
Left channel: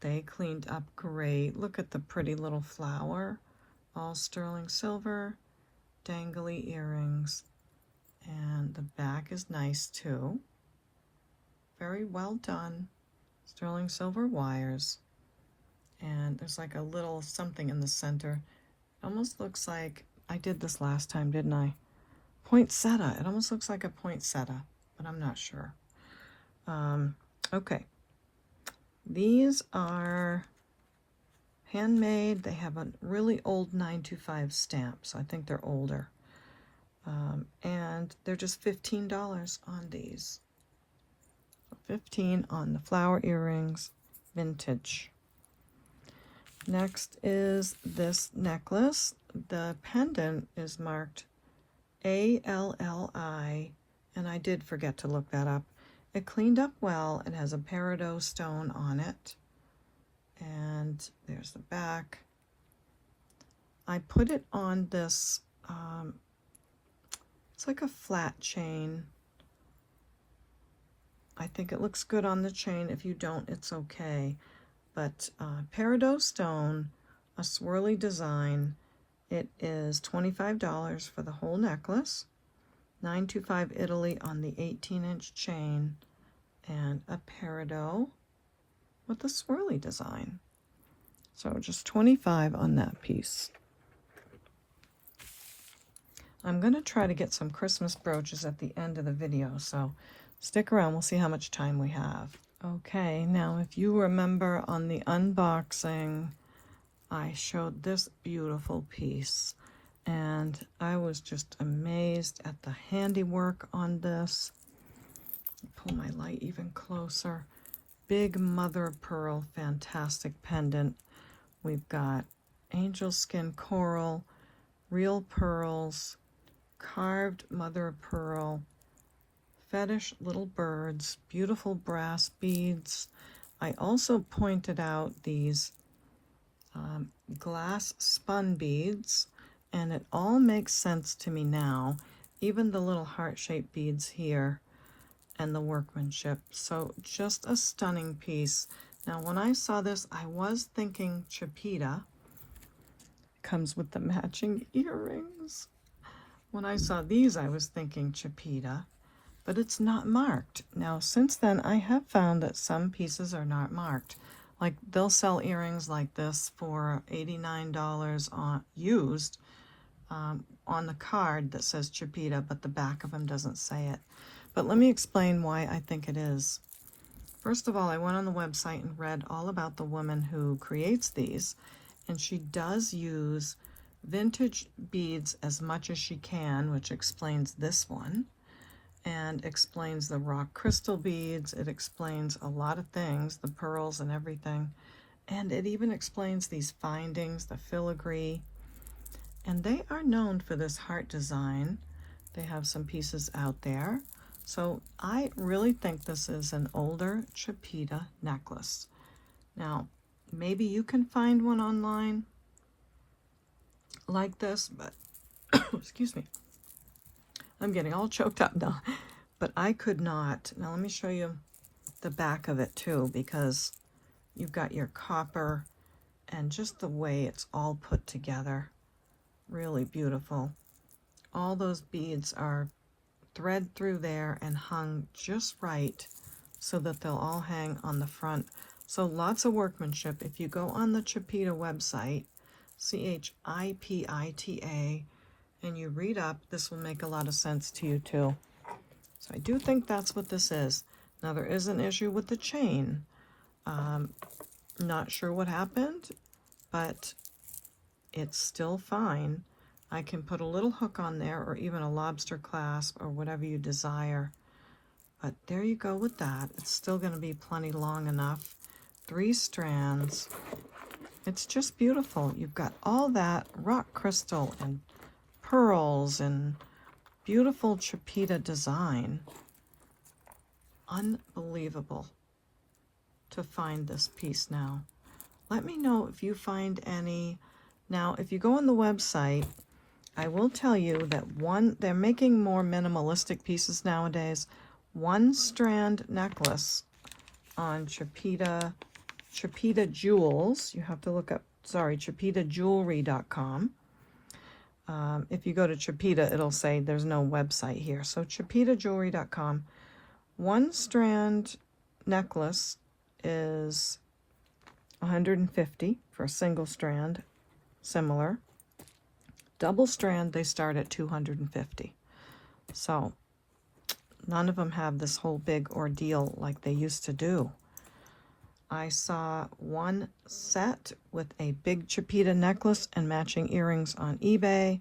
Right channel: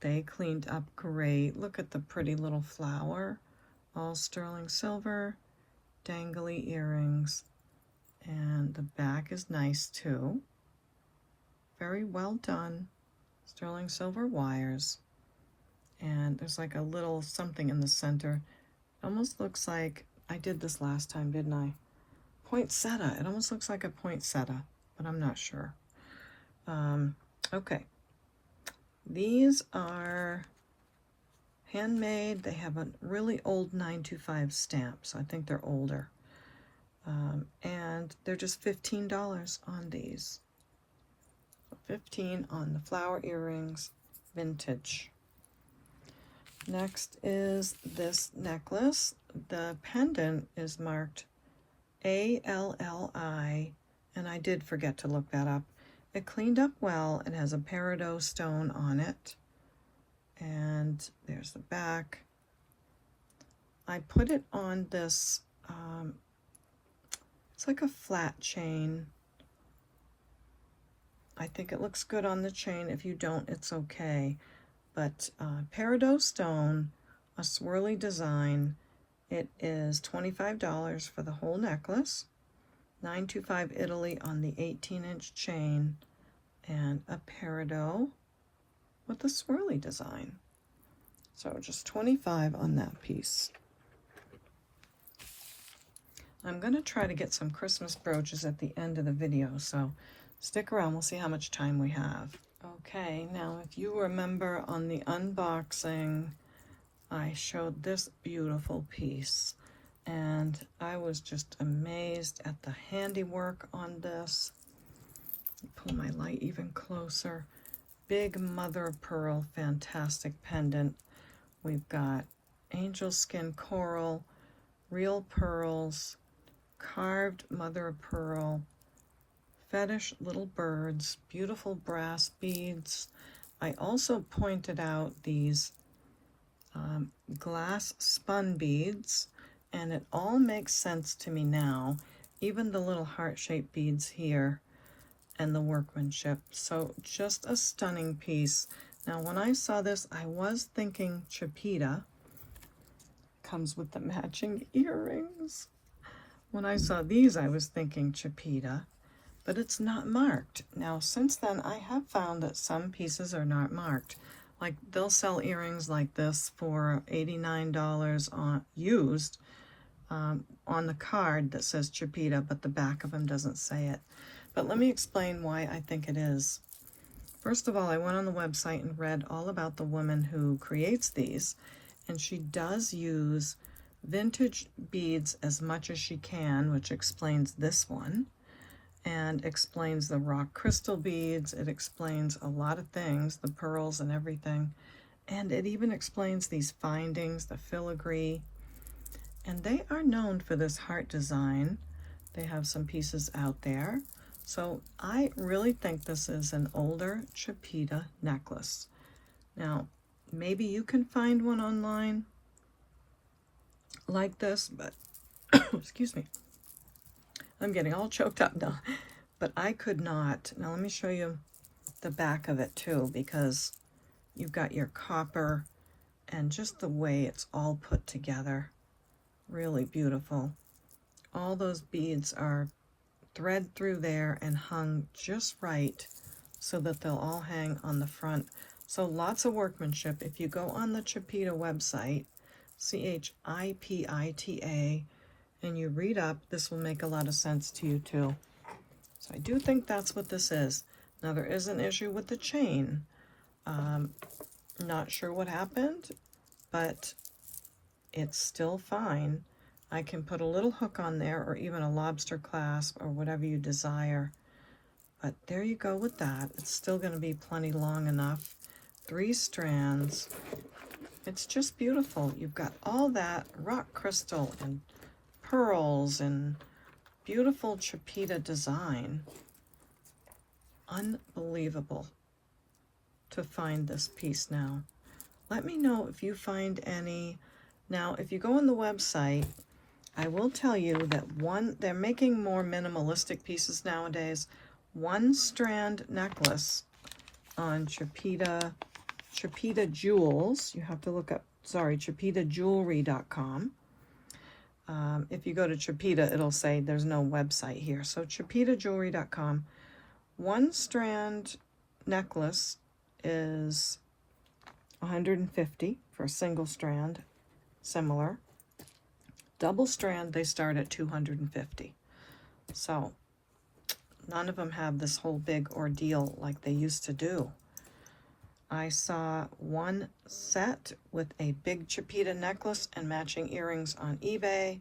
They cleaned up great. Look at the pretty little flower, all sterling silver, dangly earrings, and the back is nice too. Very well done. Sterling silver wires, and there's like a little something in the center. It almost looks like, I did this last time, didn't I? Poinsettia. It almost looks like a poinsettia, but I'm not sure. Okay. These are handmade. They have a really old 925 stamp, so I think they're older. And they're just $15 on these. So $15 on the flower earrings, vintage. Next is this necklace. The pendant is marked ALLI, and I did forget to look that up. It cleaned up well and has a peridot stone on it. And there's the back. I put it on this, it's like a flat chain. I think it looks good on the chain. If you don't, it's okay. But peridot stone, a swirly design. It is $25 for the whole necklace. $9.25 Italy on the 18-inch chain, and a peridot with a swirly design. So just $25 on that piece. I'm going to try to get some Christmas brooches at the end of the video, so stick around. We'll see how much time we have. Okay, now if you remember on the unboxing, I showed this beautiful piece, and I was just amazed at the handiwork on this. Pull my light even closer. Big mother of pearl, fantastic pendant. We've got angel skin coral, real pearls, carved mother of pearl, fetish little birds, beautiful brass beads. I also pointed out these glass spun beads, and it all makes sense to me now, even the little heart-shaped beads here and the workmanship. So just a stunning piece. Now when I saw this, I was thinking Chapita. Comes with the matching earrings. When I saw these, I was thinking Chapita, but it's not marked. Now since then, I have found that some pieces are not marked. Like they'll sell earrings like this for $89 on used on the card that says Chapita, but the back of them doesn't say it. But let me explain why I think it is. First of all, I went on the website and read all about the woman who creates these, and she does use vintage beads as much as she can, which explains this one, and explains the rock crystal beads. It explains a lot of things, the pearls and everything, and it even explains these findings, the filigree, and they are known for this heart design. They have some pieces out there. So I really think this is an older Chapita necklace. Now, maybe you can find one online like this, but excuse me, I'm getting all choked up now, but I could not. Now let me show you the back of it too, because you've got your copper and just the way it's all put together. Really beautiful. All those beads are thread through there and hung just right so that they'll all hang on the front. So lots of workmanship. If you go on the Chapita website, Chipita, and you read up, this will make a lot of sense to you too. So I do think that's what this is. Now there is an issue with the chain. Not sure what happened, but it's still fine. I can put a little hook on there or even a lobster clasp or whatever you desire. But there you go with that. It's still going to be plenty long enough. 3 strands. It's just beautiful. You've got all that rock crystal and pearls and beautiful Chapita design. Unbelievable to find this piece now. Let me know if you find any. Now, if you go on the website, I will tell you that they're making more minimalistic pieces nowadays. 1 strand necklace on Chapita Jewels. You have to look up, CapitaJewelry.com. If you go to Chapita, it'll say there's no website here. So CapitaJewelry.com. 1 strand necklace is $150 for a single strand, similar. Double strand, they start at $250. So none of them have this whole big ordeal like they used to do. I saw 1 set with a big Chapita necklace and matching earrings on eBay,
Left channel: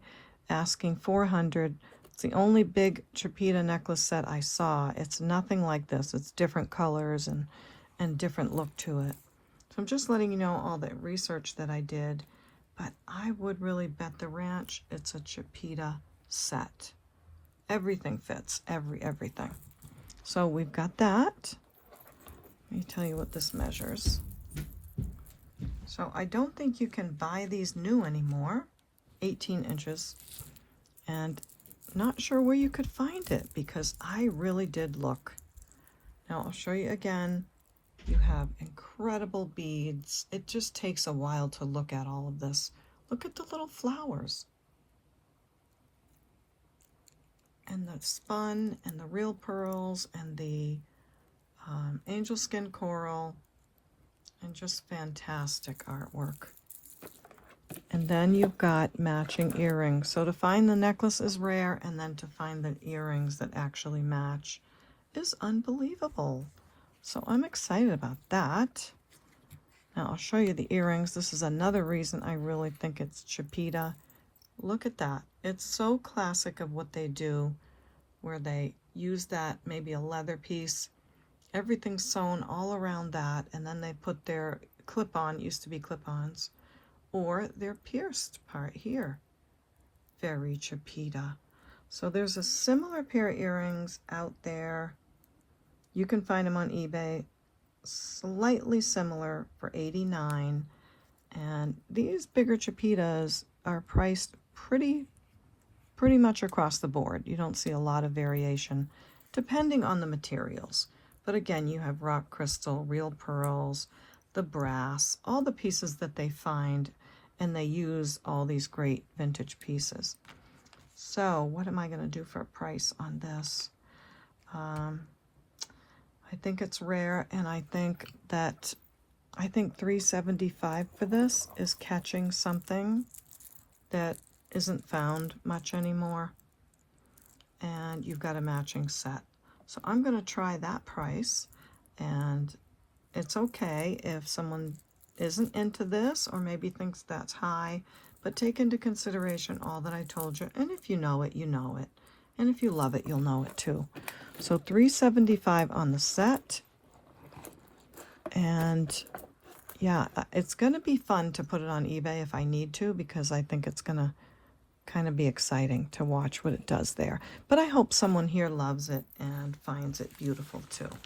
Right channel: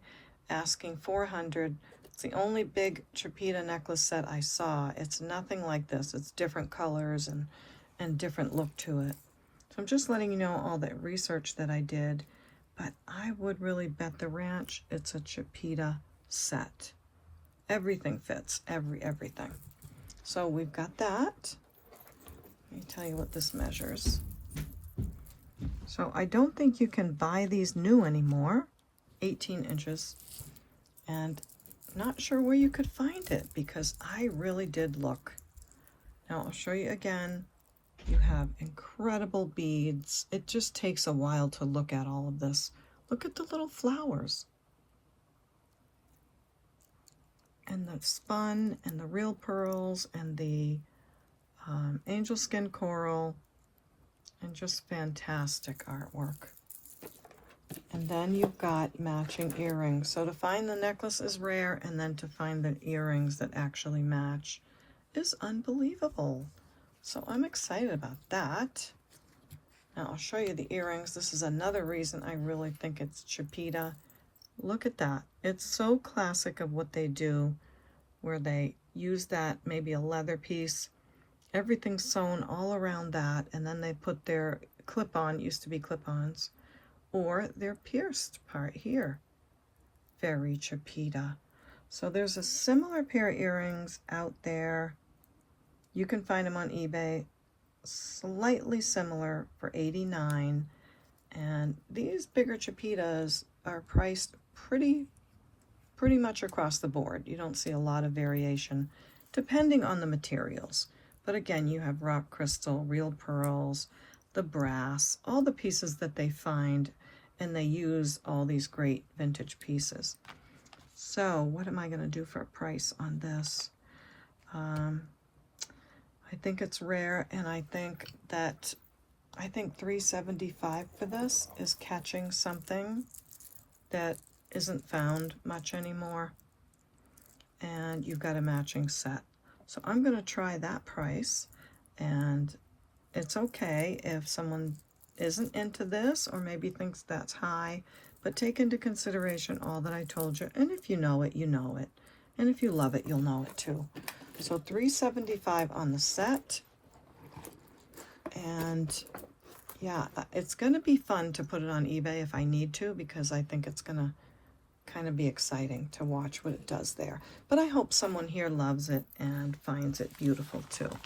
asking $400. It's the only big Chapita necklace set I saw. It's nothing like this. It's different colors and different look to it. So I'm just letting you know all the research that I did, but I would really bet the ranch it's a Chapita set. Everything fits, everything. So we've got that. Let me tell you what this measures. So I don't think you can buy these new anymore. 18 inches. And not sure where you could find it because I really did look. Now I'll show you again. You have incredible beads. It just takes a while to look at all of this. Look at the little flowers. And the spun and the real pearls and the angel skin coral, and just fantastic artwork. And then you've got matching earrings. So to find the necklace is rare, and then to find the earrings that actually match is unbelievable. So I'm excited about that. Now I'll show you the earrings. This is another reason I really think it's Chapita. Look at that. It's so classic of what they do, where they use that, maybe a leather piece, everything sewn all around that, and then they put their clip-on, used to be clip-ons, or their pierced part here. Very Chapita. So there's a similar pair of earrings out there. You can find them on eBay, slightly similar for $89. And these bigger Chapitas are priced pretty much across the board. You don't see a lot of variation depending on the materials. But again, you have rock crystal, real pearls, the brass, all the pieces that they find, and they use all these great vintage pieces. So what am I going to do for a price on this? I think it's rare, and I think $375 for this is catching something that isn't found much anymore. And you've got a matching set. So I'm going to try that price, and it's okay if someone isn't into this or maybe thinks that's high, but take into consideration all that I told you. And if you know it, you know it. And if you love it, you'll know it too. So $375 on the set. And yeah, it's going to be fun to put it on eBay if I need to, because I think it's going to kind of be exciting to watch what it does there. But I hope someone here loves it and finds it beautiful too.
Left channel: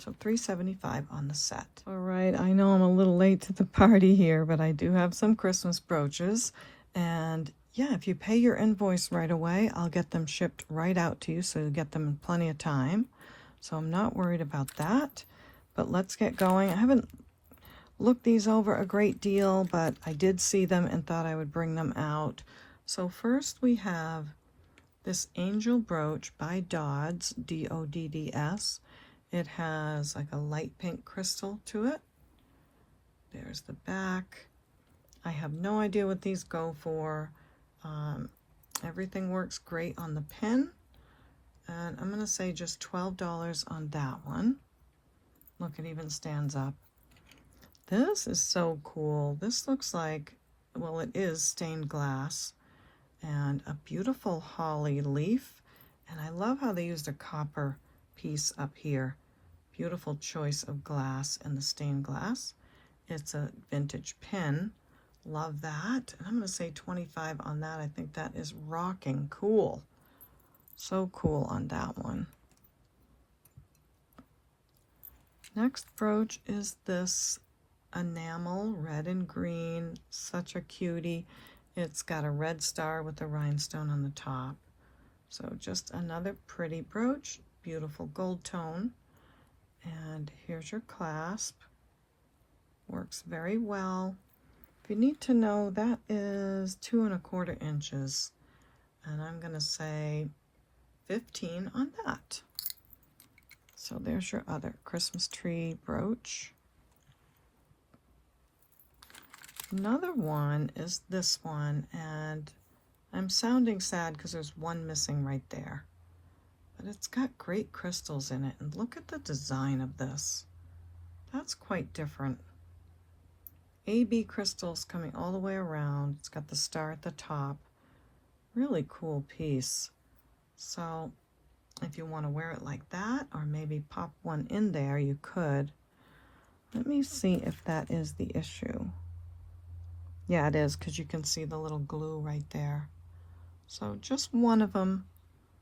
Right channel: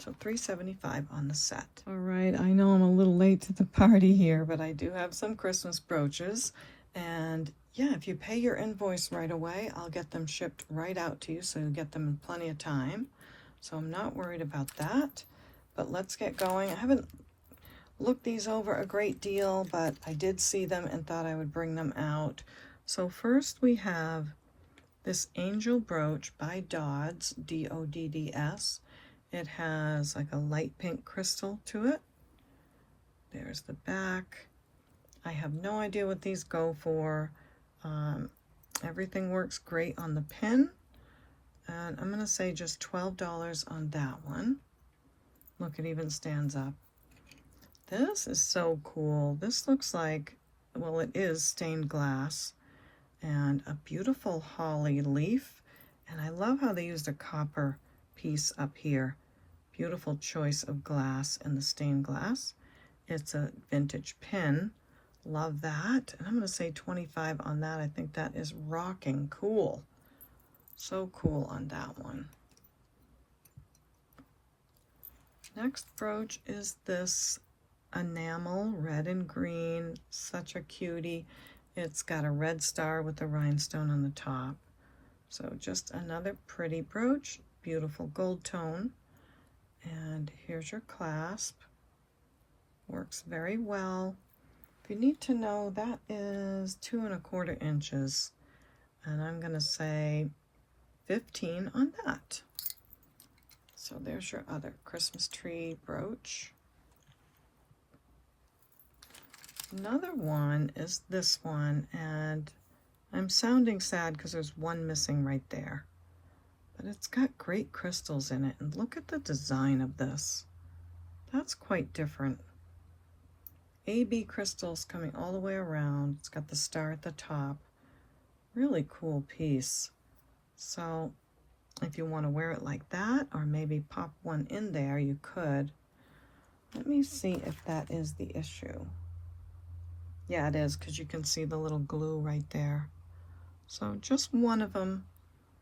So $375 on the set. All right, I know I'm a little late to the party here, but I do have some Christmas brooches. And yeah, if you pay your invoice right away, I'll get them shipped right out to you, so you get them in plenty of time. So I'm not worried about that. But let's get going. I haven't looked these over a great deal, but I did see them and thought I would bring them out. So first we have this angel brooch by Dodds, D-O-D-D-S. It has like a light pink crystal to it. There's the back. I have no idea what these go for. Everything works great on the pin. And I'm going to say just $12 on that one. Look, it even stands up. This is so cool. This looks like, well, it is stained glass. And a beautiful holly leaf. And I love how they used a copper piece up here. Beautiful choice of glass and the stained glass. It's a vintage pin. Love that. And I'm going to say 25 on that. I think that is rocking cool. So cool on that one. Next brooch is this enamel, red and green. Such a cutie. It's got a red star with a rhinestone on the top. So just another pretty brooch. Beautiful gold tone. And here's your clasp. Works very well. If you need to know, that is 2 1/4 inches. And I'm going to say 15 on that. So there's your other Christmas tree brooch. Another one is this one, and I'm sounding sad because there's one missing right there. But it's got great crystals in it, and look at the design of this. That's quite different. AB crystals coming all the way around. It's got the star at the top. Really cool piece. So if you want to wear it like that, or maybe pop one in there, you could. Let me see if that is the issue. Yeah, it is, because you can see the little glue right there. So just one of them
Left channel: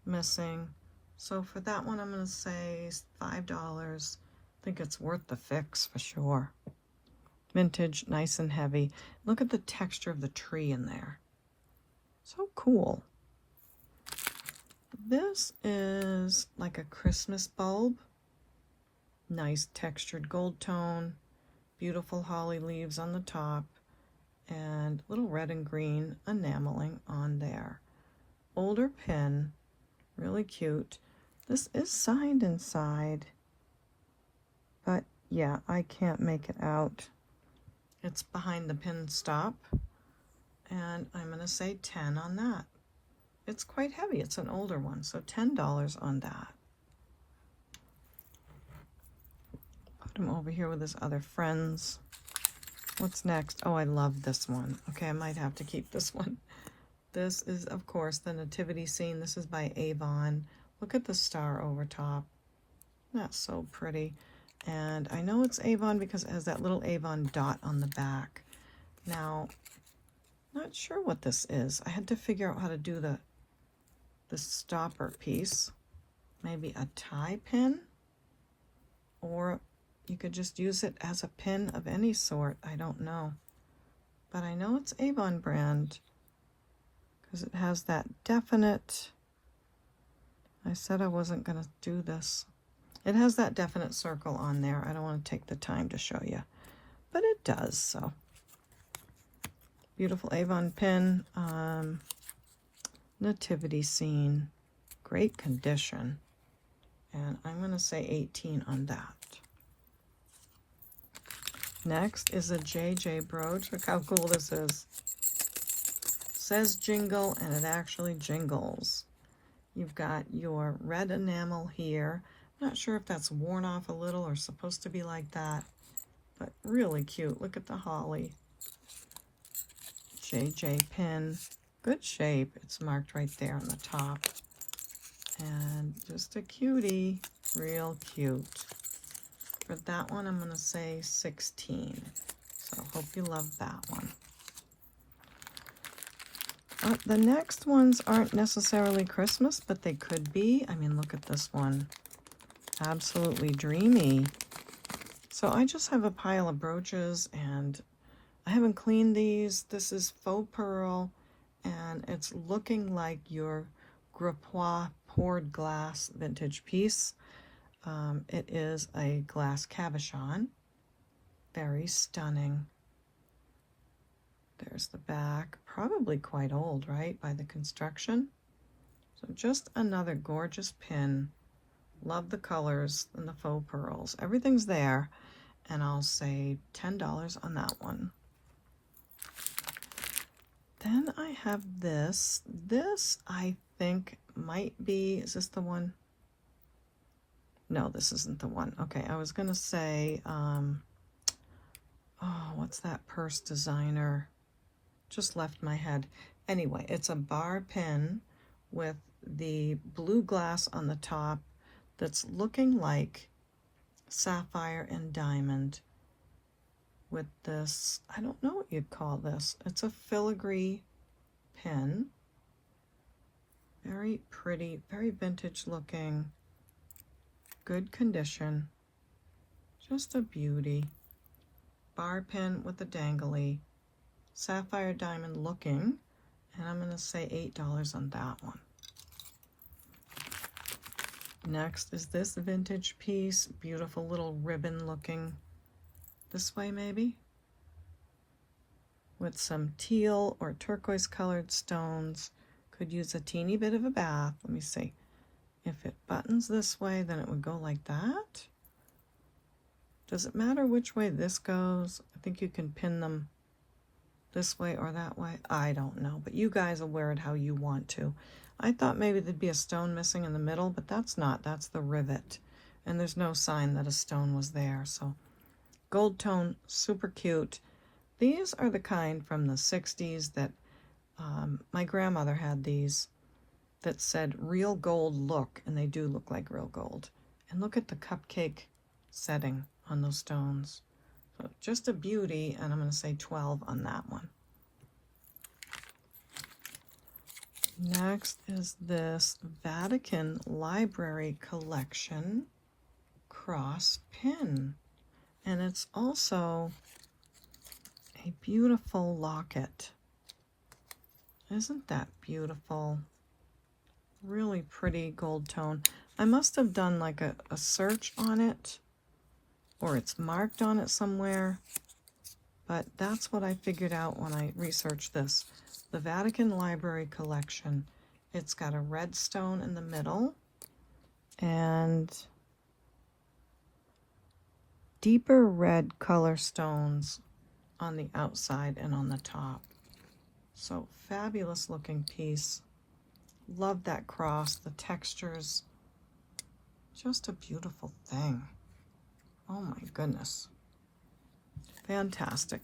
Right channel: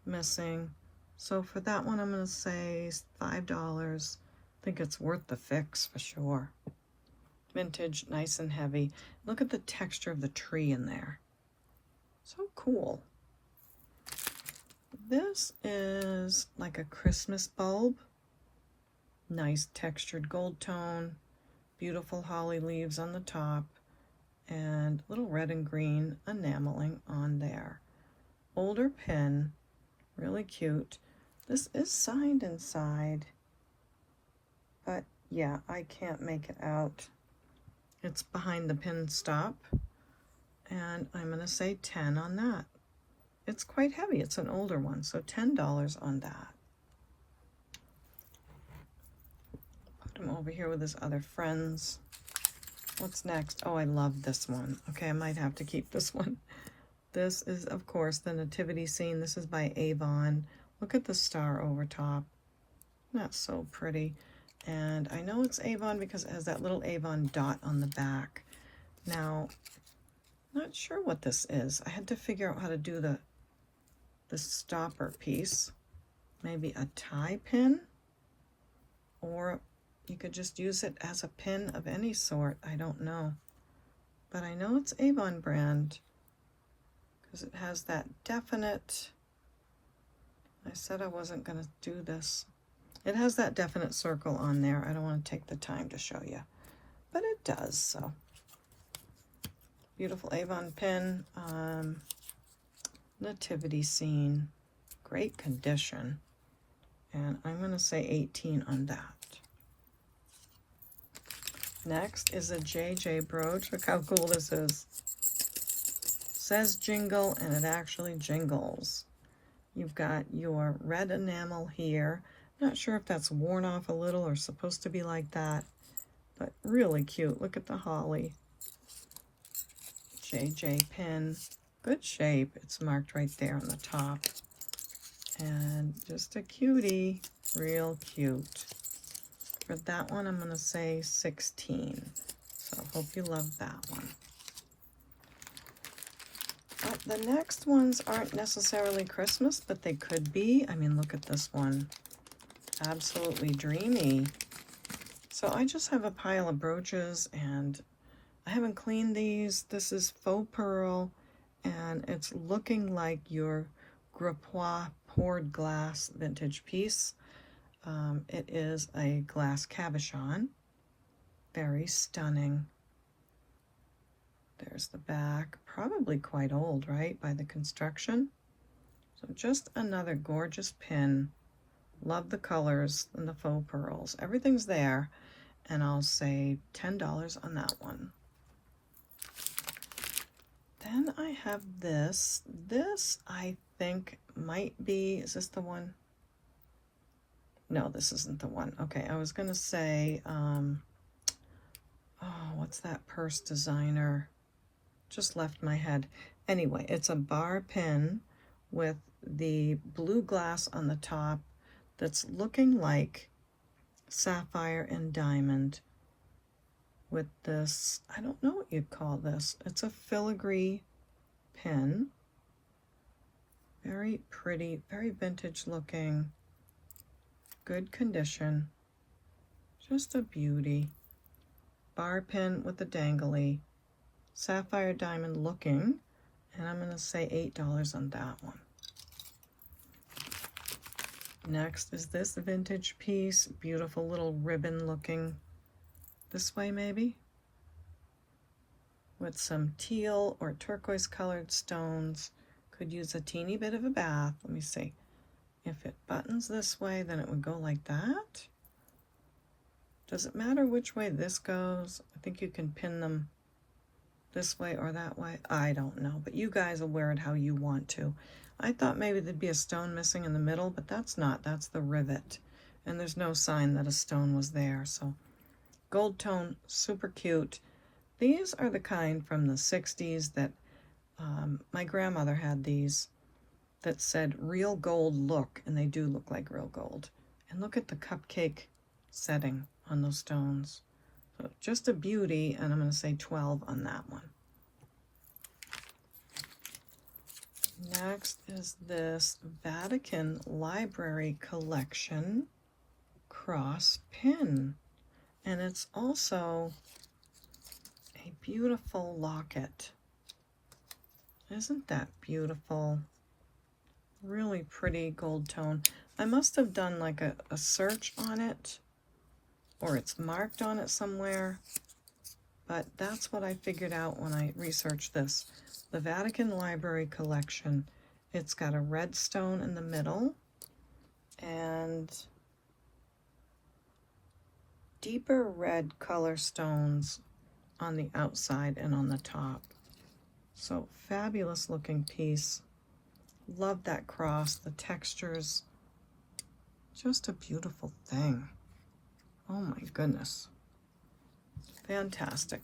missing. So for that one, I'm going to say $5. I think it's worth the fix for sure. Vintage, nice and heavy. Look at the texture of the tree in there. So cool. This is like a Christmas bulb. Nice textured gold tone. Beautiful holly leaves on the top. And little red and green enameling on there. Older pin. Really cute. This is signed inside. But yeah, I can't make it out. It's behind the pin stop. And I'm going to say 10 on that. It's quite heavy. It's an older one, so $10 on that. Put him over here with his other friends. What's next? Oh, I love this one. Okay, I might have to keep this one. This is, of course, the nativity scene. This is by Avon. Look at the star over top. That's so pretty. And I know it's Avon because it has that little Avon dot on the back. Now, not sure what this is. I had to figure out how to do the stopper piece. Maybe a tie pin, or you could just use it as a pin of any sort. I don't know, but I know it's Avon brand because it has that definite, I said I wasn't going to do this. It has that definite circle on there. I don't want to take the time to show you, but it does. So beautiful Avon pin. Nativity scene, great condition, and I'm going to say 18 on that. Next is a JJ brooch. Look how cool this is. Says jingle, and it actually jingles. You've got your red enamel here. Not sure if that's worn off a little or supposed to be like that, but really cute. Look at the holly. JJ pin. Good shape. It's marked right there on the top. And just a cutie. Real cute. For that one, I'm going to say 16. So hope you love that one. The next ones aren't necessarily Christmas, but they could be. I mean, look at this one. Absolutely dreamy. So I just have a pile of brooches, and I haven't cleaned these. This is faux pearl. And it's looking like your Gripois poured glass vintage piece. It is a glass cabochon. Very stunning. There's the back. Probably quite old, right, by the construction. So just another gorgeous pin. Love the colors and the faux pearls. Everything's there. And I'll say $10 on that one. Then I have this. This, I think, might be, is this the one? No, this isn't the one. Okay, I was going to say, oh, what's that purse designer? Just left my head. Anyway, it's a bar pin with the blue glass on the top, that's looking like sapphire and diamond with this, I don't know what you'd call this. It's a filigree pin. Very pretty, very vintage looking, good condition, just a beauty. Bar pin with a dangly, sapphire diamond looking, and I'm going to say $8 on that one. Next is this vintage piece, beautiful little ribbon looking, this way maybe, with some teal or turquoise colored stones. Could use a teeny bit of a bath. Let me see. If it buttons this way, then it would go like that. Does it matter which way this goes? I think you can pin them this way or that way. I don't know, but you guys will wear it how you want to. I thought maybe there'd be a stone missing in the middle, but that's not. That's the rivet. And there's no sign that a stone was there. So gold tone, super cute. These are the kind from the 60s that my grandmother had these that said real gold look, and they do look like real gold. And look at the cupcake setting on those stones. So just a beauty, and I'm going to say 12 on that one. Next is this Vatican Library Collection cross pin, and it's also a beautiful locket. Isn't that beautiful? Really pretty gold tone. I must have done like a search on it, or it's marked on it somewhere, but that's what I figured out when I researched this. The Vatican Library Collection. It's got a red stone in the middle and deeper red color stones on the outside and on the top. So fabulous looking piece. Love that cross, the textures. Just a beautiful thing. Oh my goodness. Fantastic.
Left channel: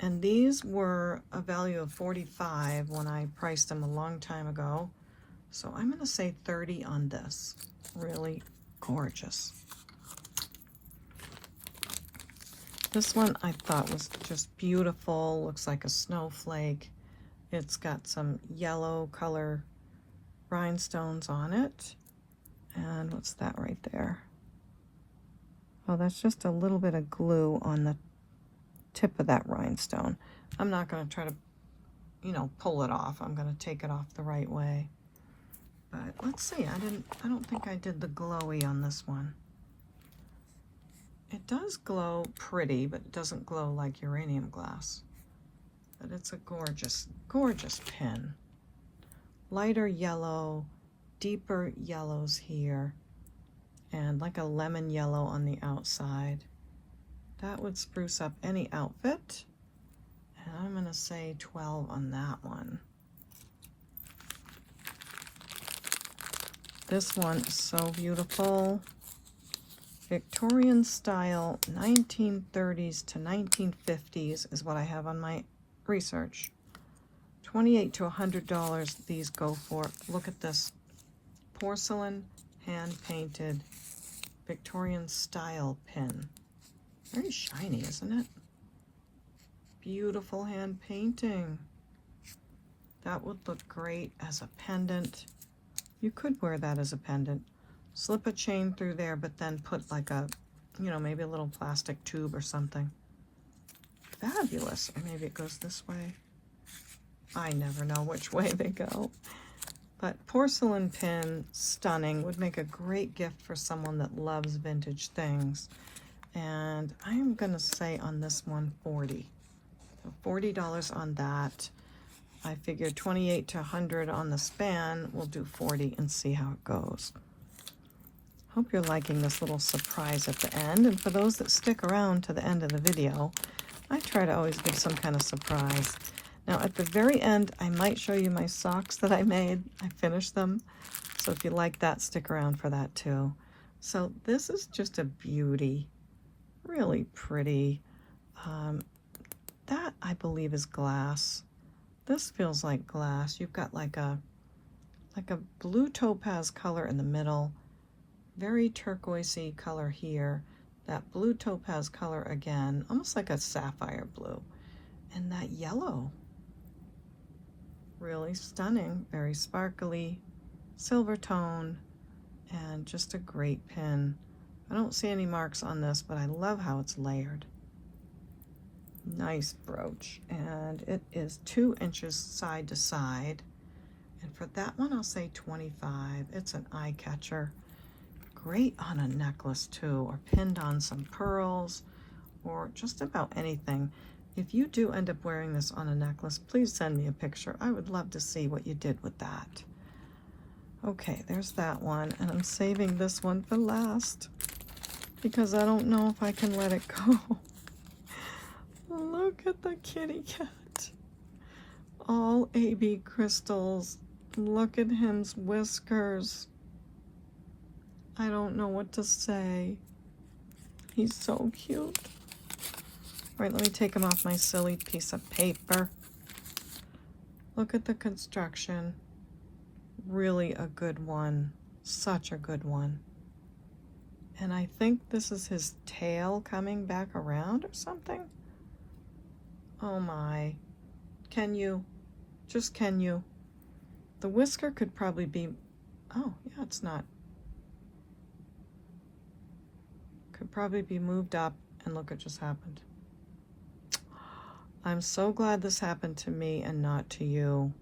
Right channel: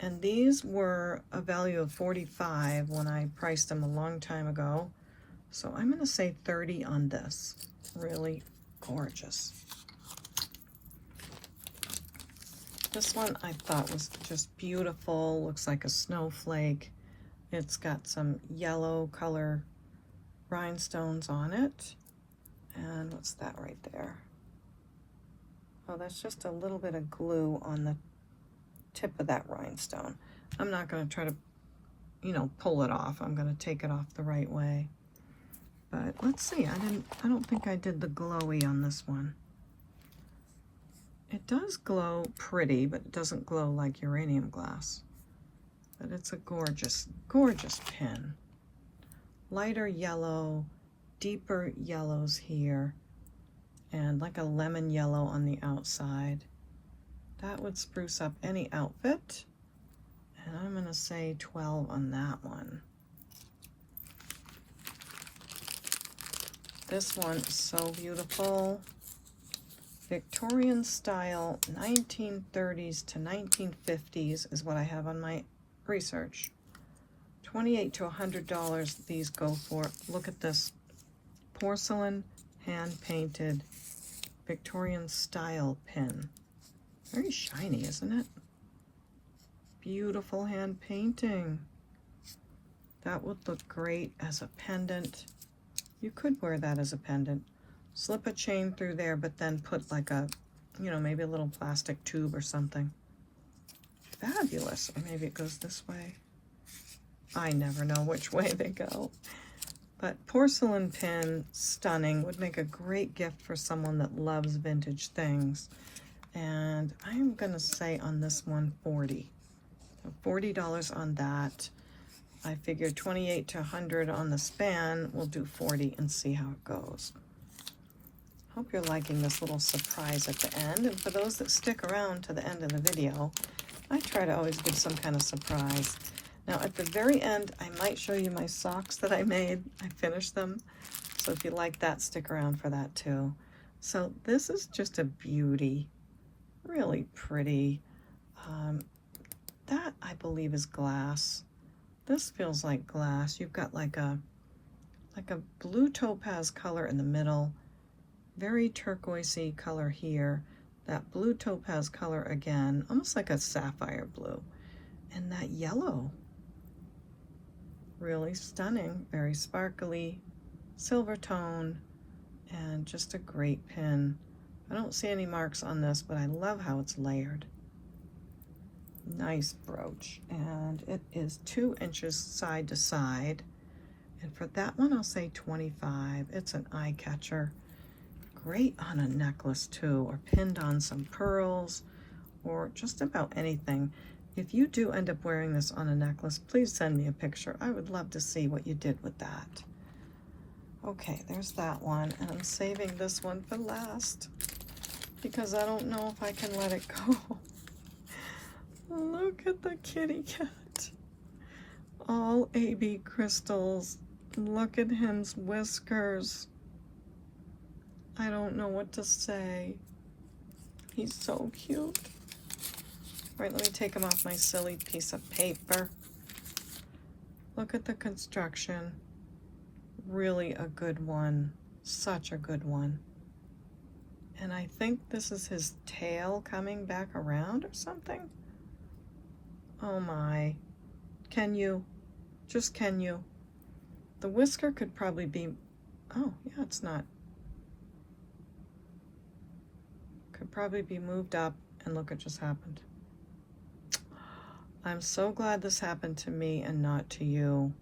And these were a value of $45 when I priced them a long time ago. So I'm going to say $30 on this. Really gorgeous. This one I thought was just beautiful. Looks like a snowflake. It's got some yellow color rhinestones on it. And what's that right there? Oh, that's just a little bit of glue on the tip of that rhinestone. I'm not going to try to, pull it off. I'm going to take it off the right way. But let's see. I don't think I did the glowy on this one. It does glow pretty, but it doesn't glow like uranium glass. But it's a gorgeous, gorgeous pin. Lighter yellow, deeper yellows here, and like a lemon yellow on the outside. That would spruce up any outfit. And I'm going to say 12 on that one. This one is so beautiful. Victorian style, 1930s to 1950s is what I have on my research. $28 to $100 these go for. Look at this. Porcelain, hand-painted, Victorian style pin. Very shiny, isn't it? Beautiful hand painting. That would look great as a pendant. You could wear that as a pendant. Slip a chain through there, but then put like a, maybe a little plastic tube or something. Fabulous. Or maybe it goes this way. I never know which way they go. But porcelain pin, stunning. Would make a great gift for someone that loves vintage things. And I'm going to say on this one, $40. So $40 on that. I figured 28 to 100 on the span. We'll do 40 and see how it goes. Hope you're liking this little surprise at the end. And for those that stick around to the end of the video, I try to always give some kind of surprise. Now at the very end, I might show you my socks that I made. I finished them. So if you like that, stick around for that too. So this is just a beauty. Really pretty. That I believe is glass. This feels like glass. You've got like a blue topaz color in the middle, very turquoisey color here, that blue topaz color again, almost like a sapphire blue, and that yellow. Really stunning, very sparkly, silver tone, and just a great pin. I don't see any marks on this, but I love how it's layered. Nice brooch, and it is 2 inches side to side. And for that one, I'll say 25. It's an eye catcher. Great on a necklace too, or pinned on some pearls, or just about anything. If you do end up wearing this on a necklace, please send me a picture. I would love to see what you did with that. Okay, there's that one, and I'm saving this one for last because I don't know if I can let it go. Look at the kitty cat. All AB crystals. Look at him's whiskers. I don't know what to say. He's so cute. All right, let me take him off my silly piece of paper. Look at the construction. Really a good one. Such a good one. And I think this is his tail coming back around or something. Oh my. Can you? Just can you? The whisker could probably be, oh yeah, it's not. Could probably be moved up, and look, it just happened. I'm so glad this happened to me and not to you.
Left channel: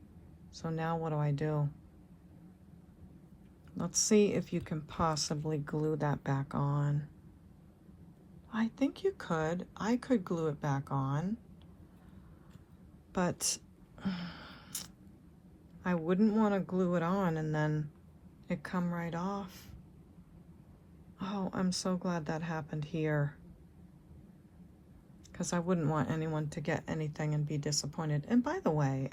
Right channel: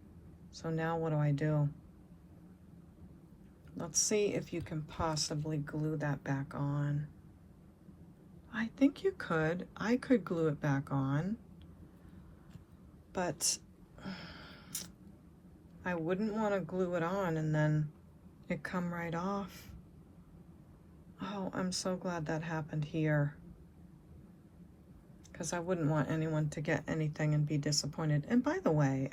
So now what do I do? Let's see if you can possibly glue that back on. I think you could. I could glue it back on. But I wouldn't want to glue it on and then it come right off. Oh, I'm so glad that happened here, because I wouldn't want anyone to get anything and be disappointed. And by the way,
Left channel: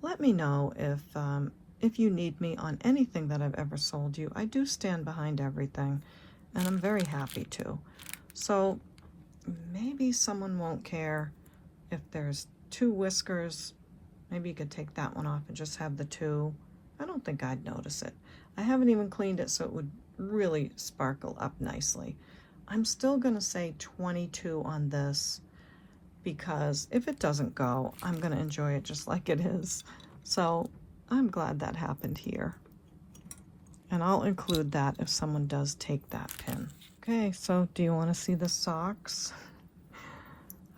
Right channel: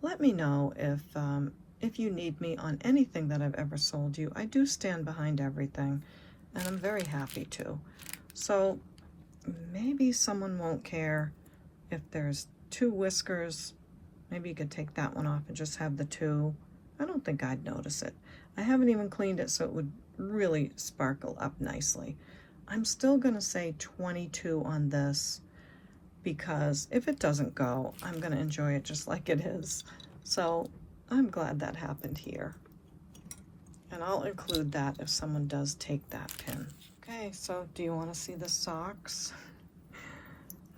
let me know if you need me on anything that I've ever sold you. I do stand behind everything, and I'm very happy to. So maybe someone won't care if there's 2 whiskers. Maybe you could take that one off and just have the 2. I don't think I'd notice it. I haven't even cleaned it, so it would really sparkle up nicely. I'm still gonna say 22 on this, because if it doesn't go, I'm gonna enjoy it just like it is. So I'm glad that happened here. And I'll include that if someone does take that pin. Okay, so do you wanna see the socks?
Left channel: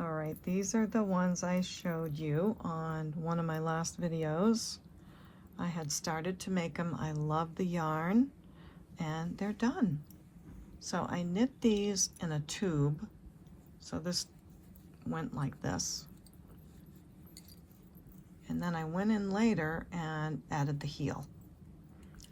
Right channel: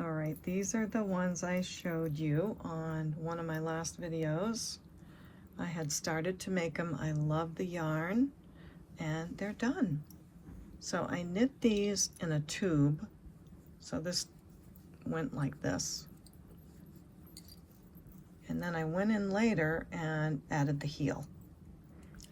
All right, these are the ones I showed you on one of my last videos. I had started to make them. I love the yarn, and they're done. So I knit these in a tube. So this went like this. And then I went in later and added the heel.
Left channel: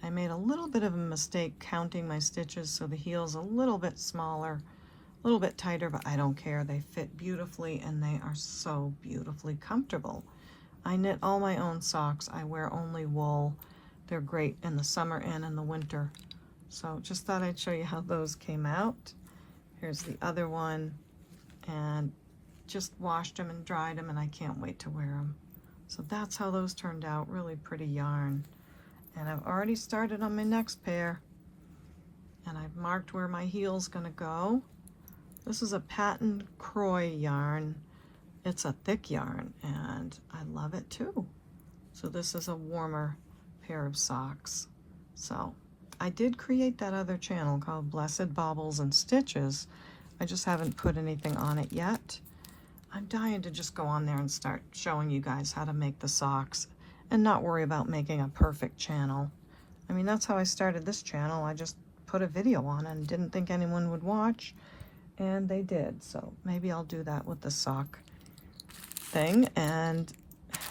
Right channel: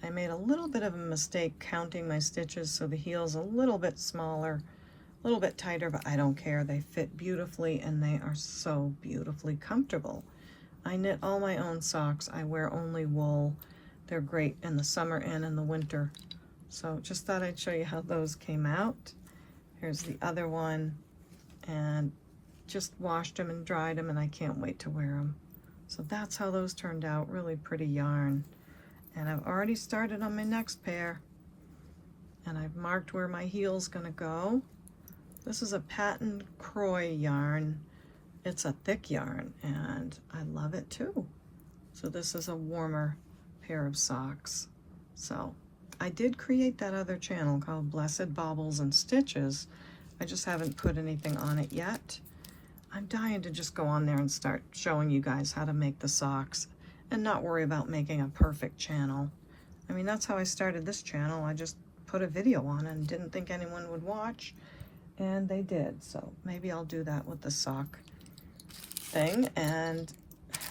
I made a little bit of a mistake counting my stitches, so the heel's a little bit smaller, a little bit tighter, but I don't care. They fit beautifully, and they are so beautifully comfortable. I knit all my own socks. I wear only wool. They're great in the summer and in the winter. So just thought I'd show you how those came out. Here's the other one, and just washed them and dried them, and I can't wait to wear them. So that's how those turned out. Really pretty yarn. And I've already started on my next pair, and I've marked where my heel's gonna go. This is a patent Croy yarn. It's a thick yarn, and I love it too. So this is a warmer pair of socks. So I did create that other channel called Blessed Baubles and Stitches. I just haven't put anything on it yet. I'm dying to just go on there and start showing you guys how to make the socks and not worry about making a perfect channel. I mean, that's how I started this channel. I just put a video on and didn't think anyone would watch, and they did. So maybe I'll do that with the sock thing and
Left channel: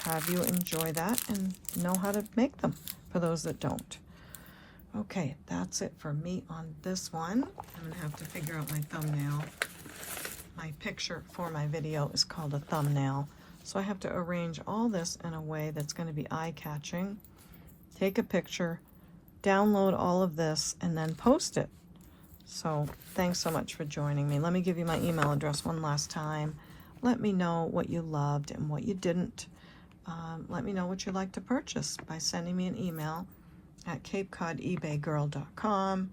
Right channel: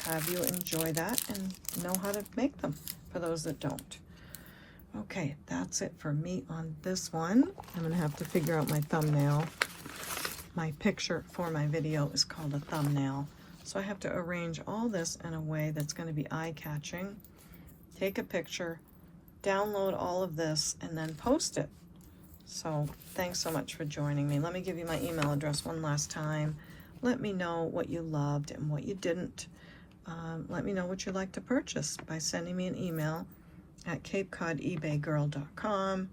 have you enjoy that and know how to make them for those that don't. Okay, that's it for me on this one. I'm gonna have to figure out my thumbnail. My picture for my video is called a thumbnail. So I have to arrange all this in a way that's gonna be eye-catching, take a picture, download all of this, and then post it. So thanks so much for joining me. Let me give you my email address one last time. Let me know what you loved and what you didn't. Let me know what you'd like to purchase by sending me an email at CapeCodEbayGirl.com.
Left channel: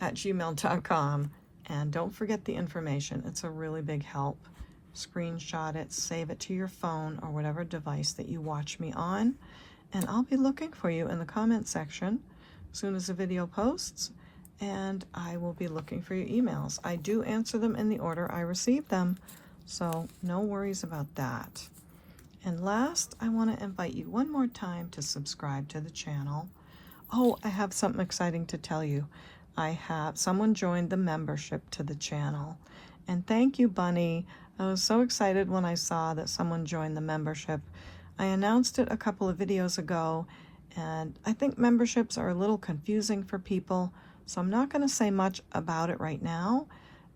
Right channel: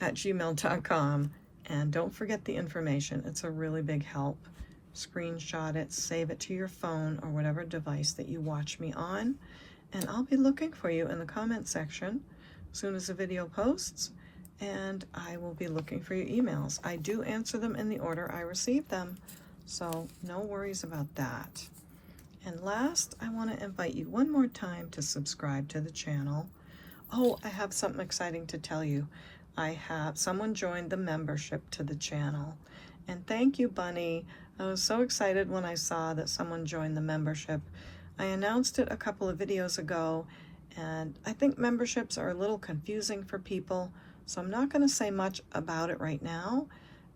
@gmail.com. And don't forget the information. It's a really big help. Screenshot it, save it to your phone or whatever device that you watch me on. And I'll be looking for you in the comment section as soon as the video posts. And I will be looking for your emails. I do answer them in the order I receive them, so no worries about that. And last, I want to invite you one more time to subscribe to the channel. Oh, I have something exciting to tell you. Someone joined the membership to the channel. And thank you, Bunny. I was so excited when I saw that someone joined the membership. I announced it a couple of videos ago, and I think memberships are a little confusing for people, so I'm not going to say much about it right now,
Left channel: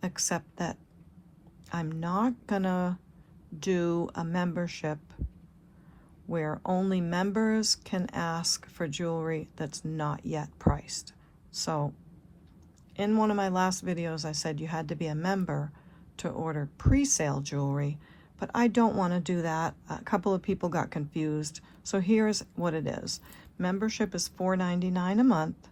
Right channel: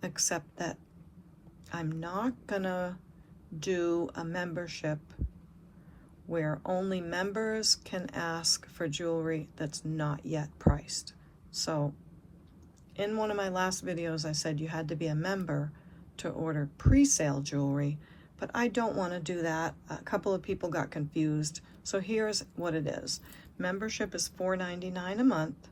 except that I'm not going to do a membership where only members can ask for jewelry that's not yet priced. So in one of my last videos, I said you had to be a member to order pre-sale jewelry, but I don't want to do that. A couple of people got confused. So here's what it is. Membership is $4.99 a month,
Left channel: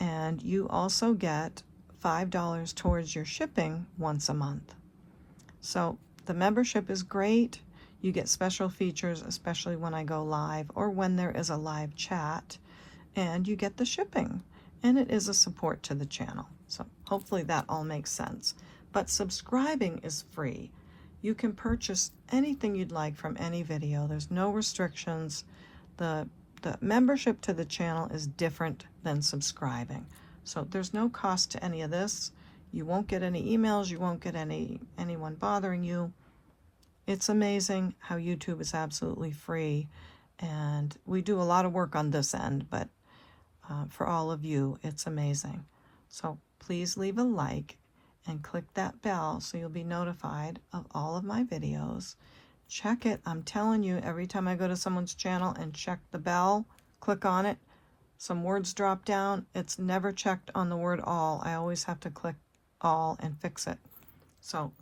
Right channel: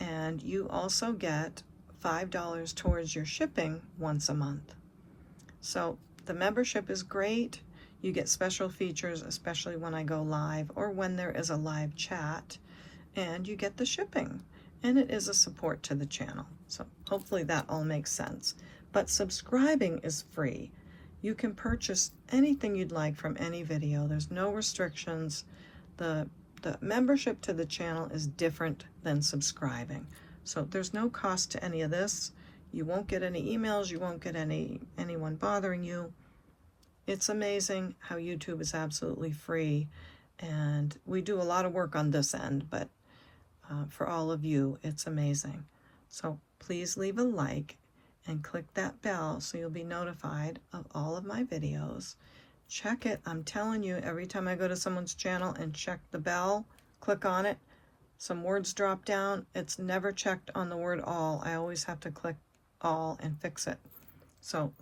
and you also get $5 towards your shipping once a month. So the membership is great. You get special features, especially when I go live or when there is a live chat, and you get the shipping. And it is a support to the channel. So hopefully that all makes sense. But subscribing is free. You can purchase anything you'd like from any video. There's no restrictions. The membership to the channel is different than subscribing. So there's no cost to any of this. You won't get any emails. You won't get anyone bothering you. It's amazing how YouTube is absolutely free. And we do a lot of work on this end, but for all of you, it's amazing. So please leave a like and click that bell so you'll be notified of all of my videos. Check it. I'm telling you, every time I go to someone's channel and check the bell, click on it, some words drop down. It's never checked on the word all. I always have to click all and fix it. So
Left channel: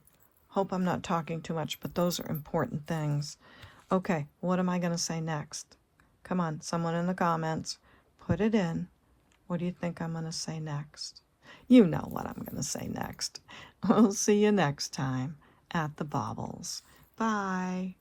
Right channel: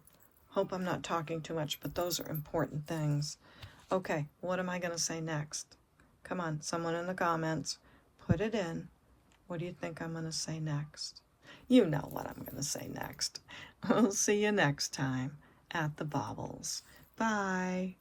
hope I'm not talking too much, but those are important things. Okay, what am I going to say next? Come on, someone in the comments. Put it in. What do you think I'm going to say next? You know what I'm going to say next. I'll see you next time at the Baubles. Bye.